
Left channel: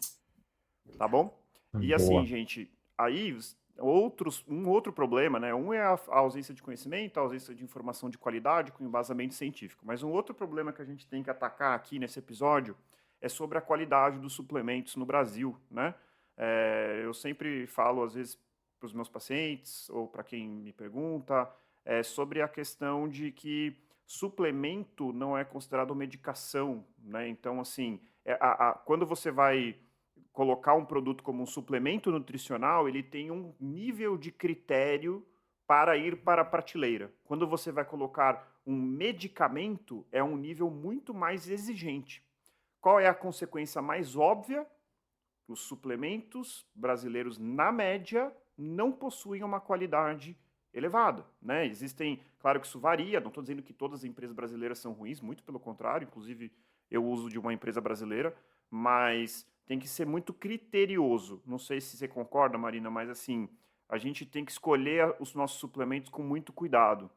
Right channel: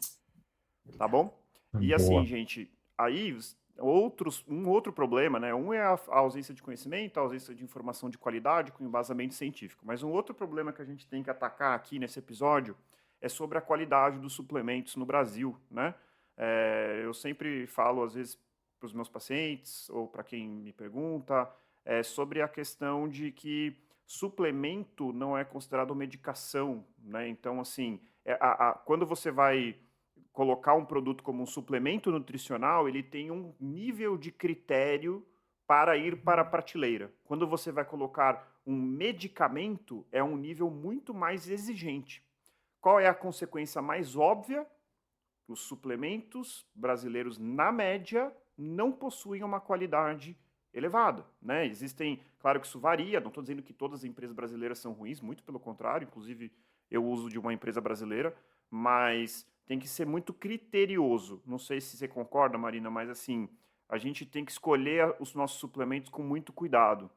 tá bom? E assim, Boa. gente, aí um outro problema, né? Um é a ausência de conhecimento, a ausência de informação de qualidade com embasamento científico. Mas um outro problema que a gente tem que atacar aqui nesse episódio é sobre a qualidade dos suplementos no Brasil, né? Eu sempre falo, às vezes, para os meus pacientes ou para quem me pergunta, sobre a questão de que suplemento não é considerado medicação, né? Então, assim, quando você vai colocar um produto como um suplemento nutricional, ele tem um nível de critério para ir para a prateleira. Quando você vai colocar um medicamento, é um nível muito mais exigente. Qual é a consequência mais óbvia? Os suplementos brasileiros, na média, não possuem uma qualidade elevada, né? Existem, claro que isso varia, não estou dizendo que todas as empresas brasileiras são ruins, muito pelo contrário, inclusive eu uso de uma empresa brasileira, mas tem que ser muito criterioso. Não sei se você concorda, Marina, mas assim, a gente tem que escolher os nossos suplementos com muito cuidado.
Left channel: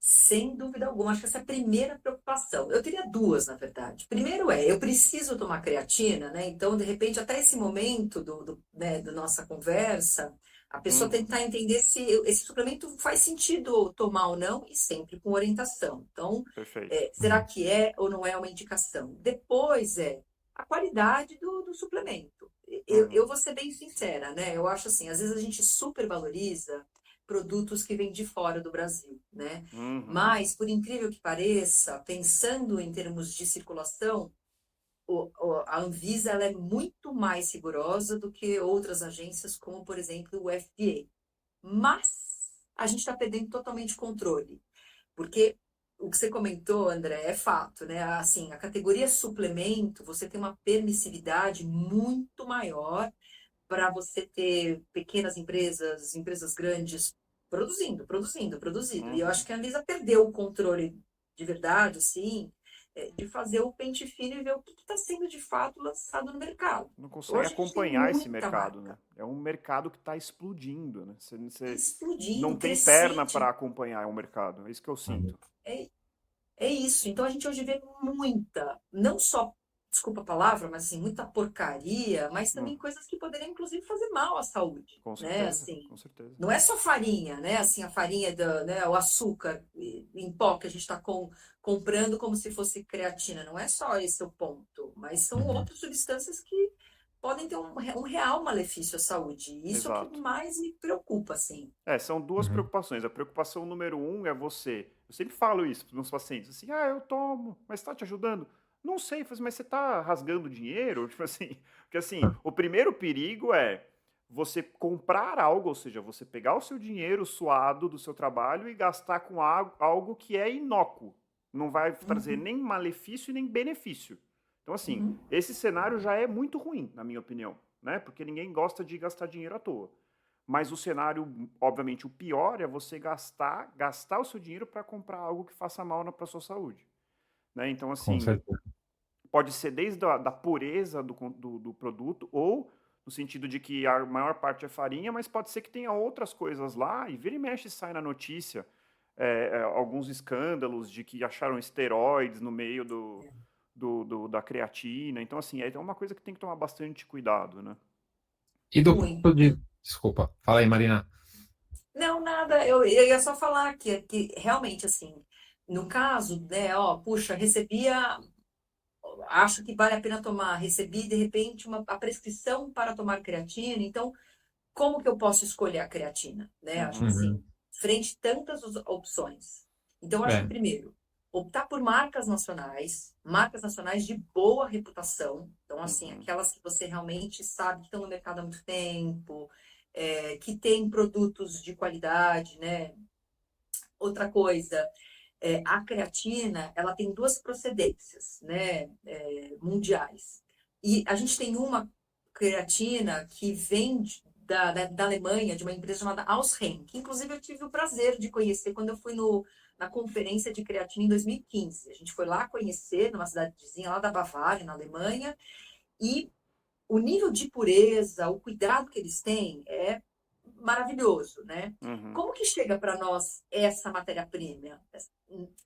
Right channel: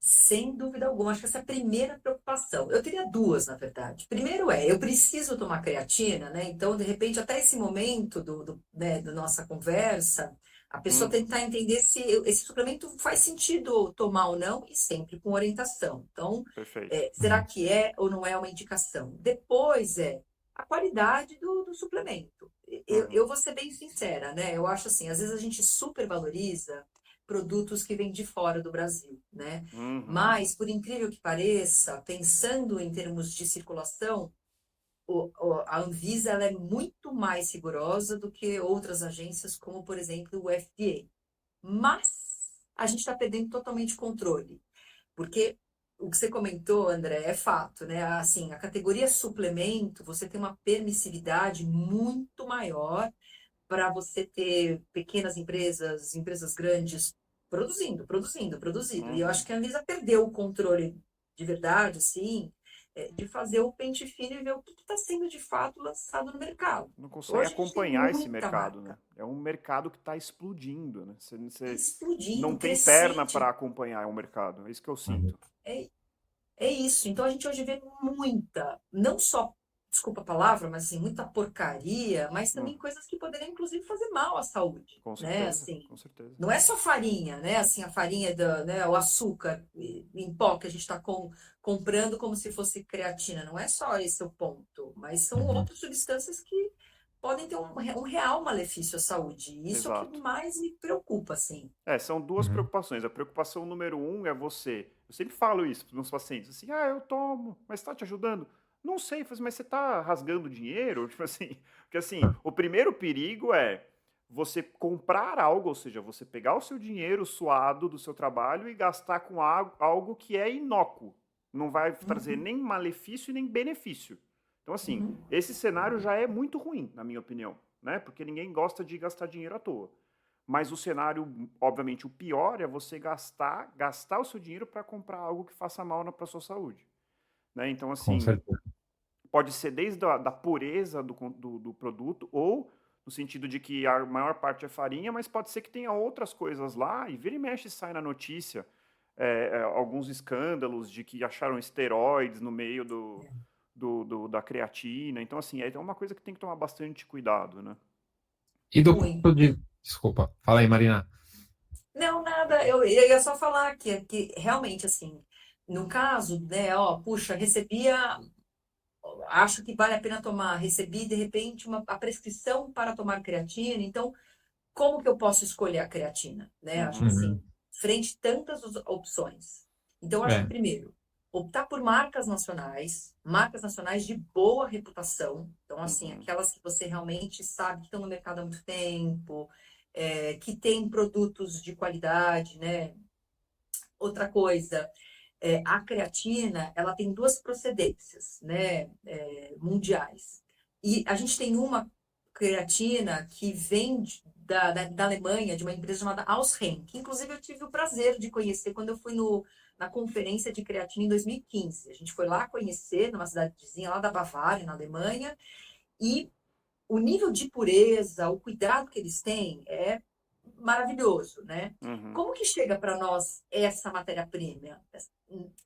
Sem dúvida alguma, acho que essa é a primeira preocupação. Eu teria duas, na verdade. Primeiro eu preciso tomar creatina, né? Então, de repente, até esse momento né, da nossa conversa, a pessoa Uhum, tentar entender se esse suplemento faz sentido tomar ou não, e sempre com orientação. Então, perfeito. será que é ou não é uma indicação? Depois a qualidade do suplemento. Eu Uhum, vou ser bem sincera, né? Eu acho assim, às vezes a gente supervaloriza produtos que vêm de fora do Brasil, né? uhum, Mas, por incrível que pareça, pensando em termos de circulação, a Anvisa ela é muito mais rigorosa do que outras agências, como, por exemplo, o FDA. Mas a gente está perdendo totalmente controle, porque o que você comentou, André, é fato, né? Assim, a categoria suplemento, você tem uma permissividade muito maior para você ter pequenas empresas, empresas grandes produzindo. E eu acho uhum. que a Anvisa perdeu o controle de verdade, assim, de fazer o pente fino e ver o que está sendo de fato lançado no mercado. Não consegue Hoje a gente tem acompanhar esse muita mercado, né? marca. É um mercado que está explodindo, né? Está Você não explodindo, tem perna para crescente. acompanhar o mercado. É isso que eu Uhum. sinto. É, É isso. Então a gente hoje vê muita, não só, desculpa a palavra, mas assim, muita porcaria, mas Hum, também coisas que poderiam inclusive fazer mal à saúde, com né? certeza, Assim, com certeza. não é só farinha, né? Assim, a farinha né, o açúcar em pó que a gente está comprando como se fosse creatina. Não é só esse o ponto, mas são Uhum. outras substâncias que podem ter um real malefício à saúde. E isso é o que Exato. mais me preocupa, assim. São duas Uhum. preocupações. A preocupação número um é você. Eu sempre falo isso para os meus pacientes, assim, eu tomo, mas está te ajudando? Não sei, mas você está rasgando dinheiro? Tipo assim, porque assim, o primeiro perigo é você comprar algo, ou seja, você pegar o seu dinheiro suado do seu trabalho e gastar com algo que é inócuo. Não vai trazer Uhum, nem malefício e nem benefício. Então, assim, uhum, esse cenário já é muito ruim, na minha opinião, né? Porque ninguém gosta de gastar dinheiro à toa. Mas o cenário, obviamente, o pior é você gastar o seu dinheiro para comprar algo que faça mal para a sua saúde. Né? Então, Com assim, certeza. pode ser desde da pureza do produto, ou no sentido de que a maior parte é farinha, mas pode ser que tenha outras coisas lá, e vira e mexe sai na notícia alguns escândalos de que acharam esteroides no meio da creatina. Então, assim, é uma coisa que tem que tomar bastante cuidado, né? E do muito. ponto de. Desculpa, fala aí, Marina. Não, nada, eu ia só falar que realmente, assim, no caso, né, ó, puxa, acho que vale a pena tomar, recebi, de repente, a prescrição para tomar creatina, então, como que eu posso escolher a creatina, né? Acho que Uhum. assim, frente a tantas opções. Então, eu acho que É. primeiro, optar por marcas nacionais de boa reputação. Então, assim, Uhum. aquelas que você realmente sabe que estão no mercado há muito tempo, que tem produtos de qualidade, né? Outra coisa, a creatina, ela tem duas procedências, né, mundiais. E a gente tem uma creatina que vem da Alemanha, de uma empresa chamada Ausren, que inclusive eu tive o prazer de conhecer quando eu fui na conferência de creatina em 2015. A gente foi lá conhecer, numa cidadezinha lá da Bavária, na Alemanha, e o nível de pureza, o cuidado que eles têm é maravilhoso, né? Uhum. Como que chega para nós essa matéria-prima?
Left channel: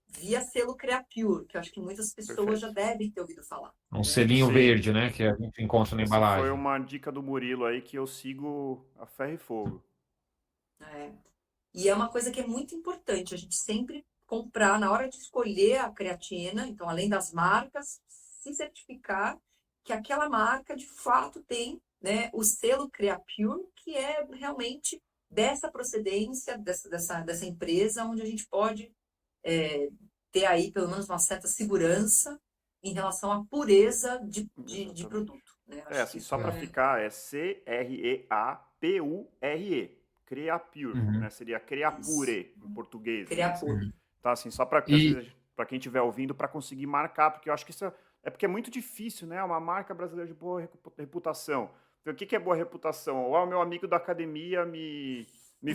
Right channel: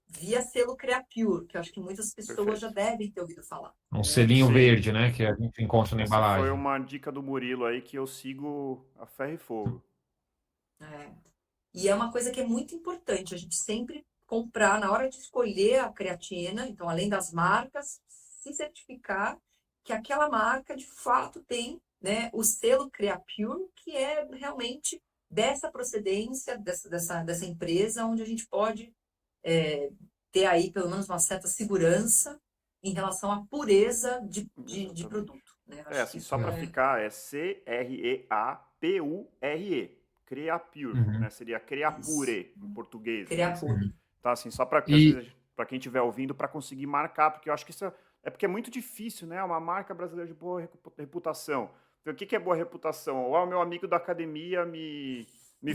Via selo Creapure, que eu acho que muitas pessoas já Perfeito. devem ter ouvido falar, Um né? selinho Sim. verde, né? Que a gente encontra na Essa foi embalagem. uma dica do Murilo aí que eu sigo a ferro e fogo. É. E é uma coisa que é muito importante, a gente sempre comprar na hora de escolher a creatina, então além das marcas, se certificar que aquela marca de fato tem, né, o selo Creapure, que é realmente dessa procedência, dessa empresa, onde a gente pode ter aí pelo menos uma certa segurança em relação à pureza de Exatamente. produto, né? É, Acho que assim, só isso para é ficar, é Creapure. Creapure, Uhum. né? Seria isso. Creapure em português, né? Creapure. Tá, assim, só para às E, vezes para quem estiver ouvindo para conseguir marcar, porque eu acho que isso é porque é muito difícil, né? Uma marca brasileira de boa reputação. Então, o que que é boa reputação? Ou o meu amigo da academia me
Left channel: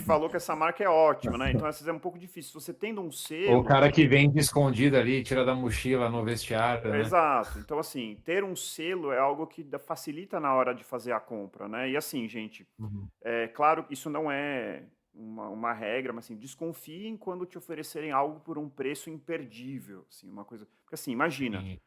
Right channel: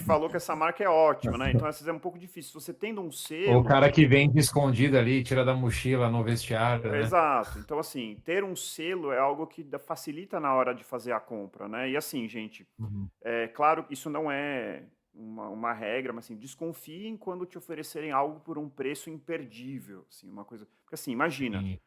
falou que essa marca é ótima, né? Então, às vezes é um pouco difícil. Se você tendo um o selo, cara que vende escondido ali, tira da mochila no vestiário, né? exato. Então, assim, ter um selo é algo que facilita na hora de fazer a compra, né? E assim, gente, Uhum. é claro que isso não é uma regra, mas assim, desconfiem quando te oferecerem algo por um preço imperdível, assim, uma coisa. Porque assim, imagina, Sim.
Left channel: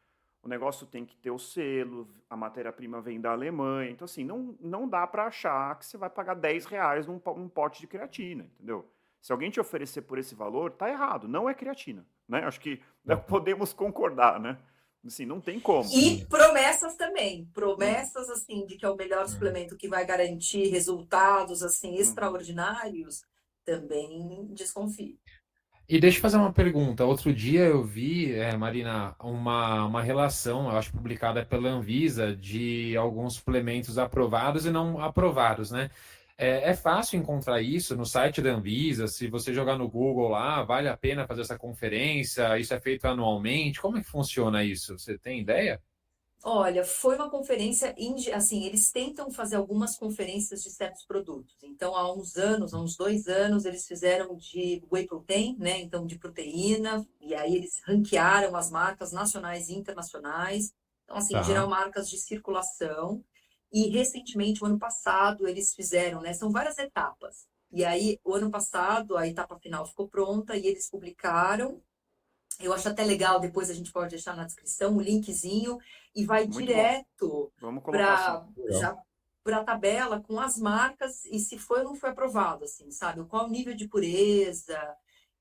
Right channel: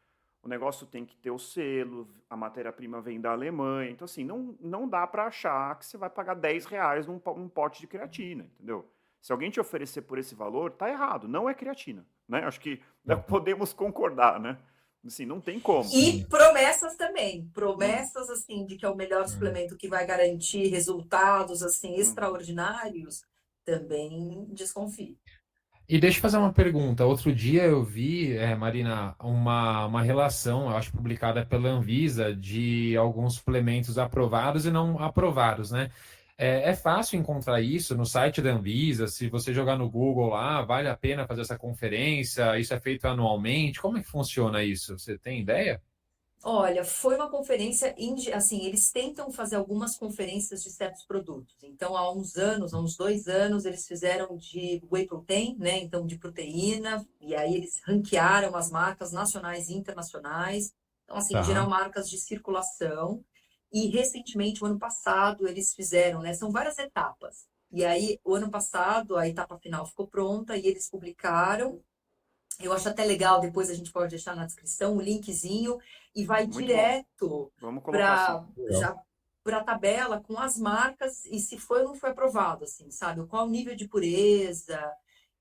o negócio tem que ter o selo, a matéria-prima vem da Alemanha, então assim, não dá para achar que você vai pagar R$ 10 num pote de creatina, entendeu? Se alguém te oferecer por esse valor, tá errado, não é creatina, né? Acho que podemos concordar, né? Assim, não tem como. E Sim. promessas também, Uhum, promessas assim de que é o melhor Uhum. suplemento que vai garantir resultados assim uhum. extraordinários, também desconfie. E deixa eu fazer uma pergunta. Outro dia eu vi, Marina, uma relação, eu acho, publicada pela Anvisa de alguns suplementos aprovados e não aprovados, né? É fácil encontrar isso no site da Anvisa. Se você jogar no Google lá, vale a pena fazer essa conferência? Isso é feito anualmente? Como é que funciona isso? Você tem ideia? Olha, foi uma conferência, assim, eles tentam fazer algumas conferências de certos produtos. Então, há uns anos, há uns 2 anos, eles fizeram de whey protein, né? Então, de proteína, e aí eles ranquearam as marcas nacionais e internacionais. Então, assim, em geral, Tá. marcas de circulação. E recentemente, o ano passado, eles fizeram, né? São várias etapas. E aí, o ano passado, a etapa final ficou pronta e eles publicaram. Eu acho até legal, depois a gente pode deixar na descrição o linkzinho e vai Muito bom. direto Vamos colocar assim. para Legal. já para a tabela com as marcas e se foi ou não foi aprovado, assim, sabe? Qual o nível de pureza.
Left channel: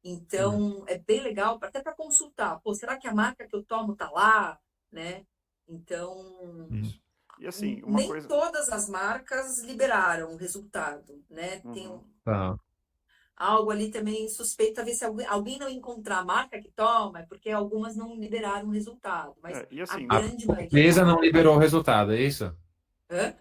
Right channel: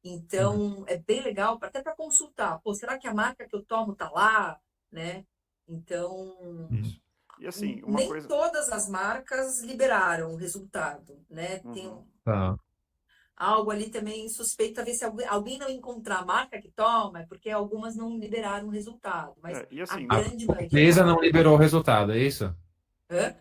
Uhum. Então, é bem legal, até para consultar. Pô, será que a marca que eu tomo tá lá, né? Então, Uhum. Isso. E assim, uma nem coisa. todas as marcas liberaram o resultado, né? Tem Uhum. Tá. algo ali também suspeito, talvez se alguém não encontrar a marca que toma, é porque algumas não liberaram o resultado, mas E a assim, A grande maioria empresa tá. não liberou o resultado, é isso? Hã?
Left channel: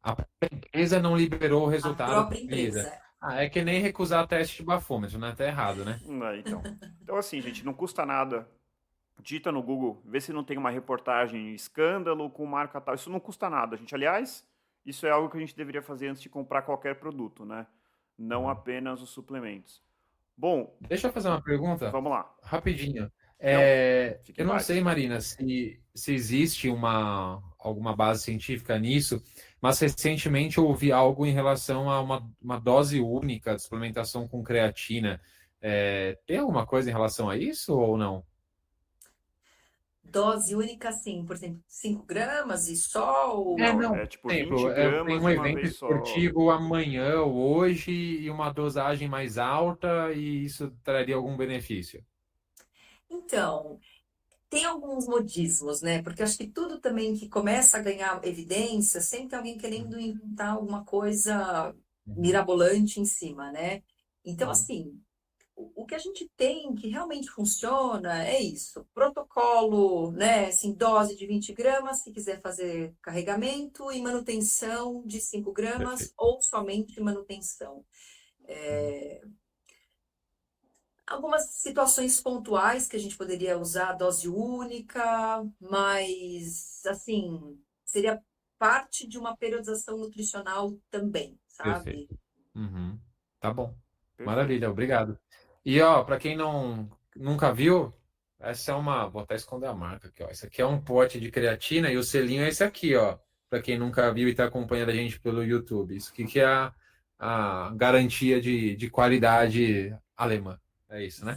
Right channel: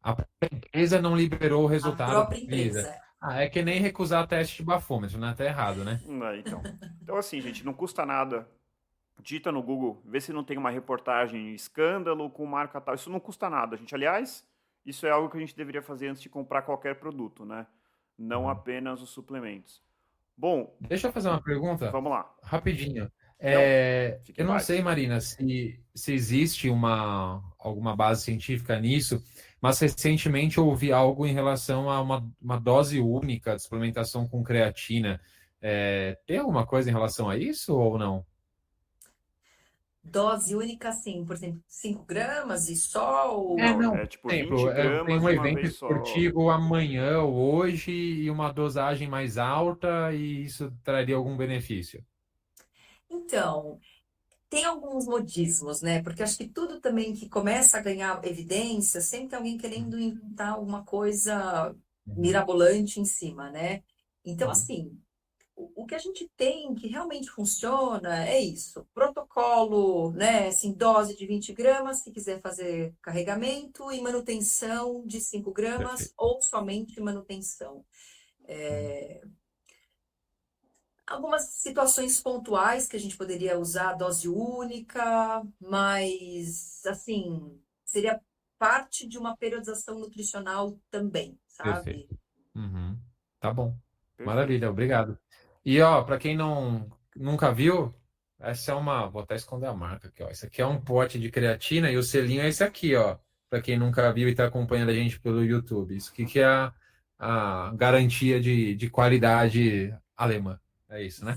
A empresa não liberou o A resultado própria da Anvisa. empresa. Ah, é que nem recusar teste de bafômetro, né? Tá errado, né? então. Então, assim, gente, não custa nada. Digita no Google, vê se não tem uma reportagem escândalo com marca tal. Isso não custa nada, gente. Aliás, isso é algo que a gente deveria fazer antes de comprar qualquer produto, né? Não Uhum. apenas os suplementos. Bom, Deixa eu fazer uma pergunta vamos lá. rapidinho. Não, fique em Eu não sei, paz. Marina, se existe alguma base científica nisso, mas recentemente eu ouvi algo em relação a uma dose única de suplementação com creatina. Tem alguma coisa em relação a isso ou não? Dose única, sim, por exemplo, 5 gramas e só Não, ou... Não. é Por tipo 20 exemplo, eu tenho gramas um de uma evento vez só. esportivo amanhã ou hoje e uma dosagem mais alta e isso traria algum benefício. Então, tem alguns modismos, né? Porque acho que tudo também que começa a ganhar evidência, sempre tem alguém querendo inventar alguma coisa Uhum. mirabolante em cima, né? Então, Uhum. assim, o que a gente tem que realmente funciona é isso. Protocolo, né? Assim, dose de 20 gramas, se quiser fazer carregamento, e manutenção de 5 gramas, Perfeito. ou somente manutenção. Uhum. Algumas situações pontuais que a gente poderia usar dose única, mas, assim, seria parte de uma periodização nutricional também, sabe? Perfeito. Uhum. Tá bom. Perfeito. Maravilha, obrigado. E ó, para quem nunca viu, essa é uma, vou até esconder a marca aqui, ó. Esse aqui é um pote de creatina e o selinho é esse aqui, ó. Para quem nunca viu e está acompanhando a gente pelo YouTube. Isso aqui que é a garantia de qualidade alemã. É isso, né?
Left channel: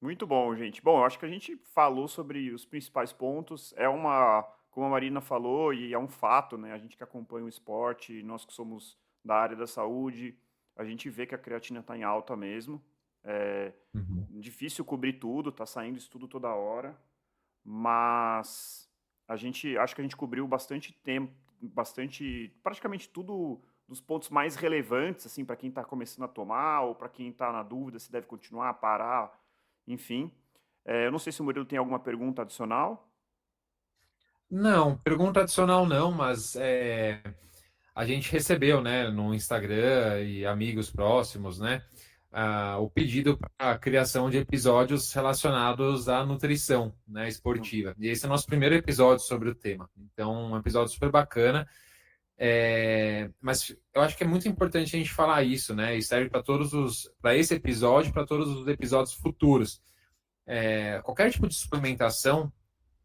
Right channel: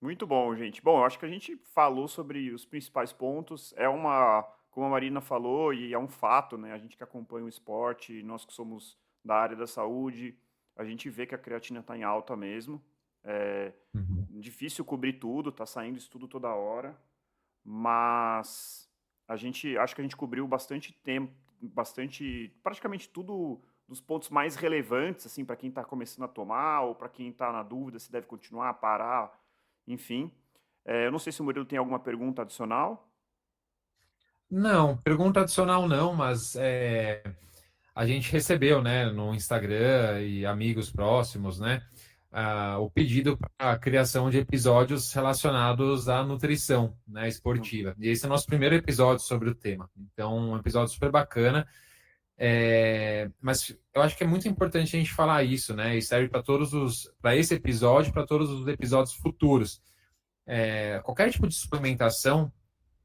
Muito bom, gente. Bom, eu acho que a gente falou sobre os principais pontos. É uma, como a Marina falou, e é um fato, né? A gente que acompanha o esporte, nós que somos da área da saúde, a gente vê que a creatina está em alta mesmo. É Uhum. difícil cobrir tudo, tá saindo estudo toda hora, mas a gente acho que a gente cobriu bastante tempo, bastante, praticamente tudo dos pontos mais relevantes, assim, para quem está começando a tomar ou para quem está na dúvida se deve continuar, parar, enfim. Eu não sei se o Murilo tem alguma pergunta adicional. Não, pergunta adicional não, mas a gente recebeu, né, no Instagram e amigos próximos, né, o pedido para a criação de episódios relacionados à nutrição, né, Uhum. esportiva. E esse é o nosso primeiro episódio sobre o tema. Então, um episódio super bacana. Mas eu acho que é muito importante a gente falar isso, né? E serve para esse episódio, para todos os episódios futuros. Qualquer tipo de suplementação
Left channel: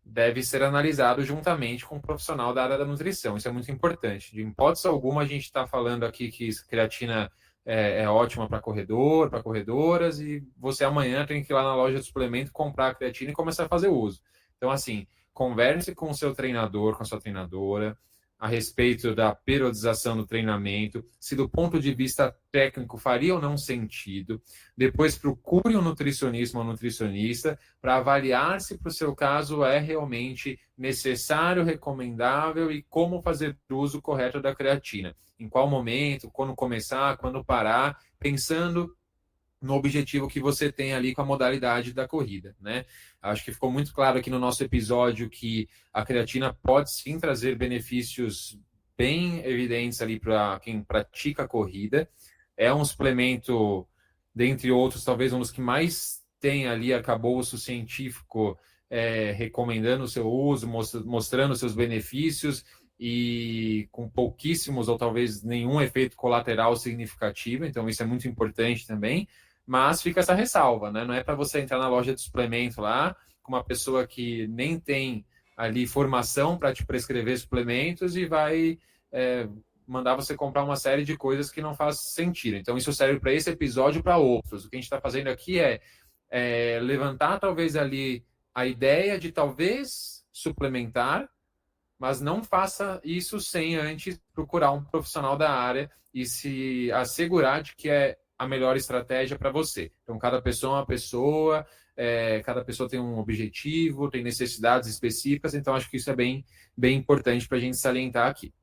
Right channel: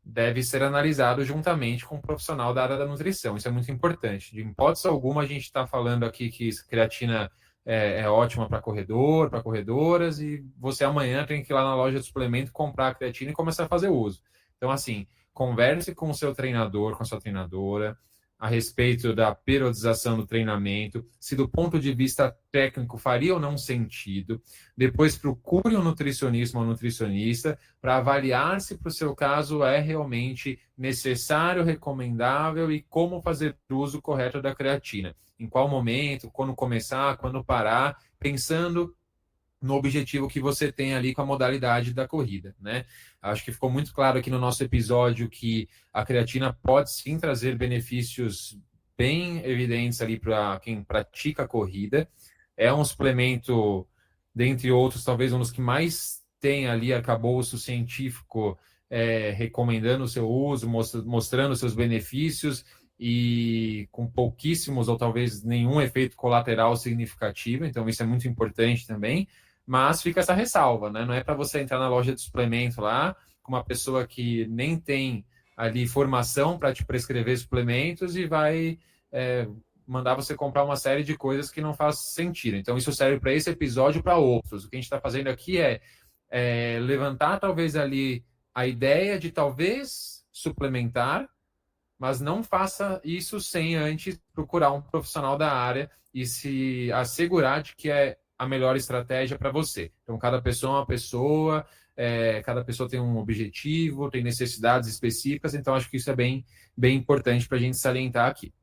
deve ser analisado juntamente com um profissional da área da nutrição. Isso é muito importante. De hipótese alguma, a gente está falando aqui que creatina é ótima para corredor, para corredoras, e você amanhã tem que ir lá na loja de suplemento comprar a creatina e começar a fazer uso. Então, assim, converse com o seu treinador, com a sua treinadora, a respeito da periodização do treinamento, se do ponto de vista técnico faria ou não sentido. Depois procure um nutricionista ou um nutricionista para avaliar se para o seu caso é realmente necessário, recomendável e como fazer uso correto da creatina. Em qual momento, quando começar, quando parar, pensando no objetivo que você tem ali com a modalidade da corrida, né? Acho que ficou muito claro aqui no nosso episódio que a creatina pode sim trazer benefícios bem evidentes ali para quem pratica a corrida. É um suplemento, dentre outros, talvez um dos que mais tem ali arcabouço científico recomendando o seu uso, mostrando seus benefícios e com pouquíssimos ou talvez nenhum efeito colateral significativo. Então, isso é muito importante também. Mas fica essa ressalva, né? Não é para você entrar na loja de suplemento lá com uma pessoa que nem tem ali formação para te prescrever suplementos e vai mandar você comprar uma série de coisas que não faz sentido. Então, isso serve para esse episódio e para outros. O que a gente está fazendo aqui é levantar talvez ali a ideia de talvez suplementar, mas não faça isso sem antes procurar um profissional da área e se assegurar de que é a melhor estratégia para você. Então, cada pessoa é uma pessoa, cada pessoa tem um objetivo, tem necessidades específicas, então acho que isso é bem importante para a gente salientar aqui.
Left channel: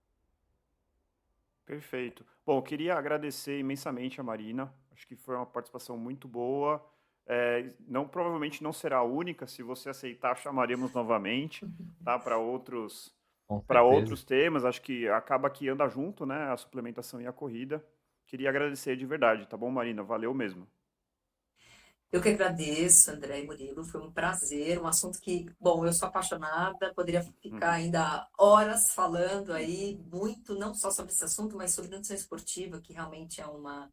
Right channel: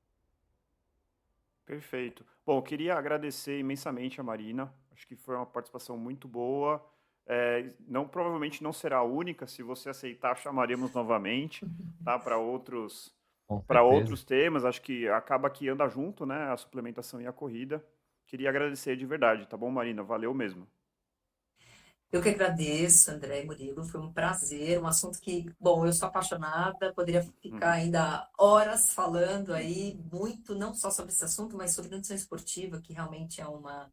Perfeito. Bom, eu queria agradecer imensamente a Marina. Acho que foi uma participação muito boa. Não, provavelmente não será a única. Se você aceitar, chamaremos novamente, tá? Com Para certeza. outros temas. Acho que acaba que anda junto, né? A suplementação e a corrida. Queria agradecer de verdade, tá bom, Marina? Valeu mesmo. Eu que agradeço, André e Murilo, foi um prazer, um assunto que, bom, eu sou apaixonada, poderia ficar ainda horas falando aí, muito, não só sobre esse assunto, mas sobre nutrição esportiva, que realmente é uma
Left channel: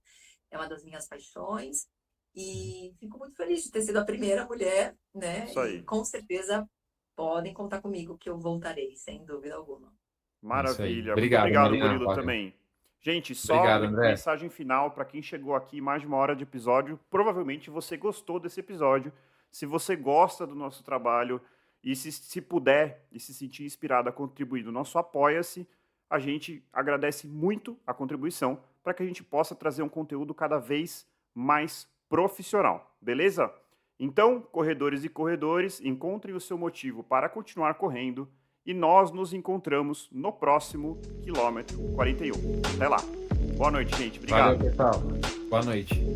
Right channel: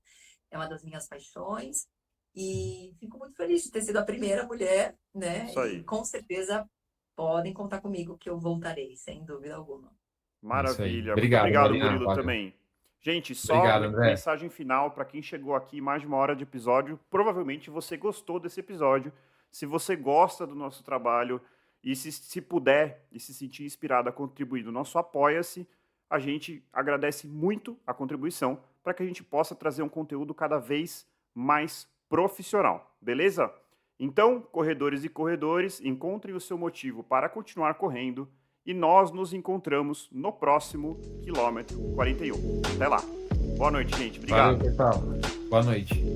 das minhas paixões. E fico muito feliz de ter sido a primeira mulher, né? Isso E aí. com certeza podem contar comigo que eu voltarei, sem dúvida alguma. É isso aí. Maravilha. Muito Obrigado, obrigado, Marina. Murilo, Valeu. também. Gente, só Obrigado, André. mensagem final para quem chegou aqui mais de uma hora de episódio. Provavelmente você gostou desse episódio. Se você gosta do nosso trabalho e se puder e se sentir inspirado a contribuir no nosso Apoia-se, a gente agradece muito a contribuição para que a gente possa trazer um conteúdo cada vez mais profissional. Beleza? Então, corredores e corredores, encontrem o seu motivo para continuar correndo e nós nos encontramos no próximo quilômetro 41. Até lá! Boa noite, gente. Obrigado. Valeu, pessoal. Boa noite.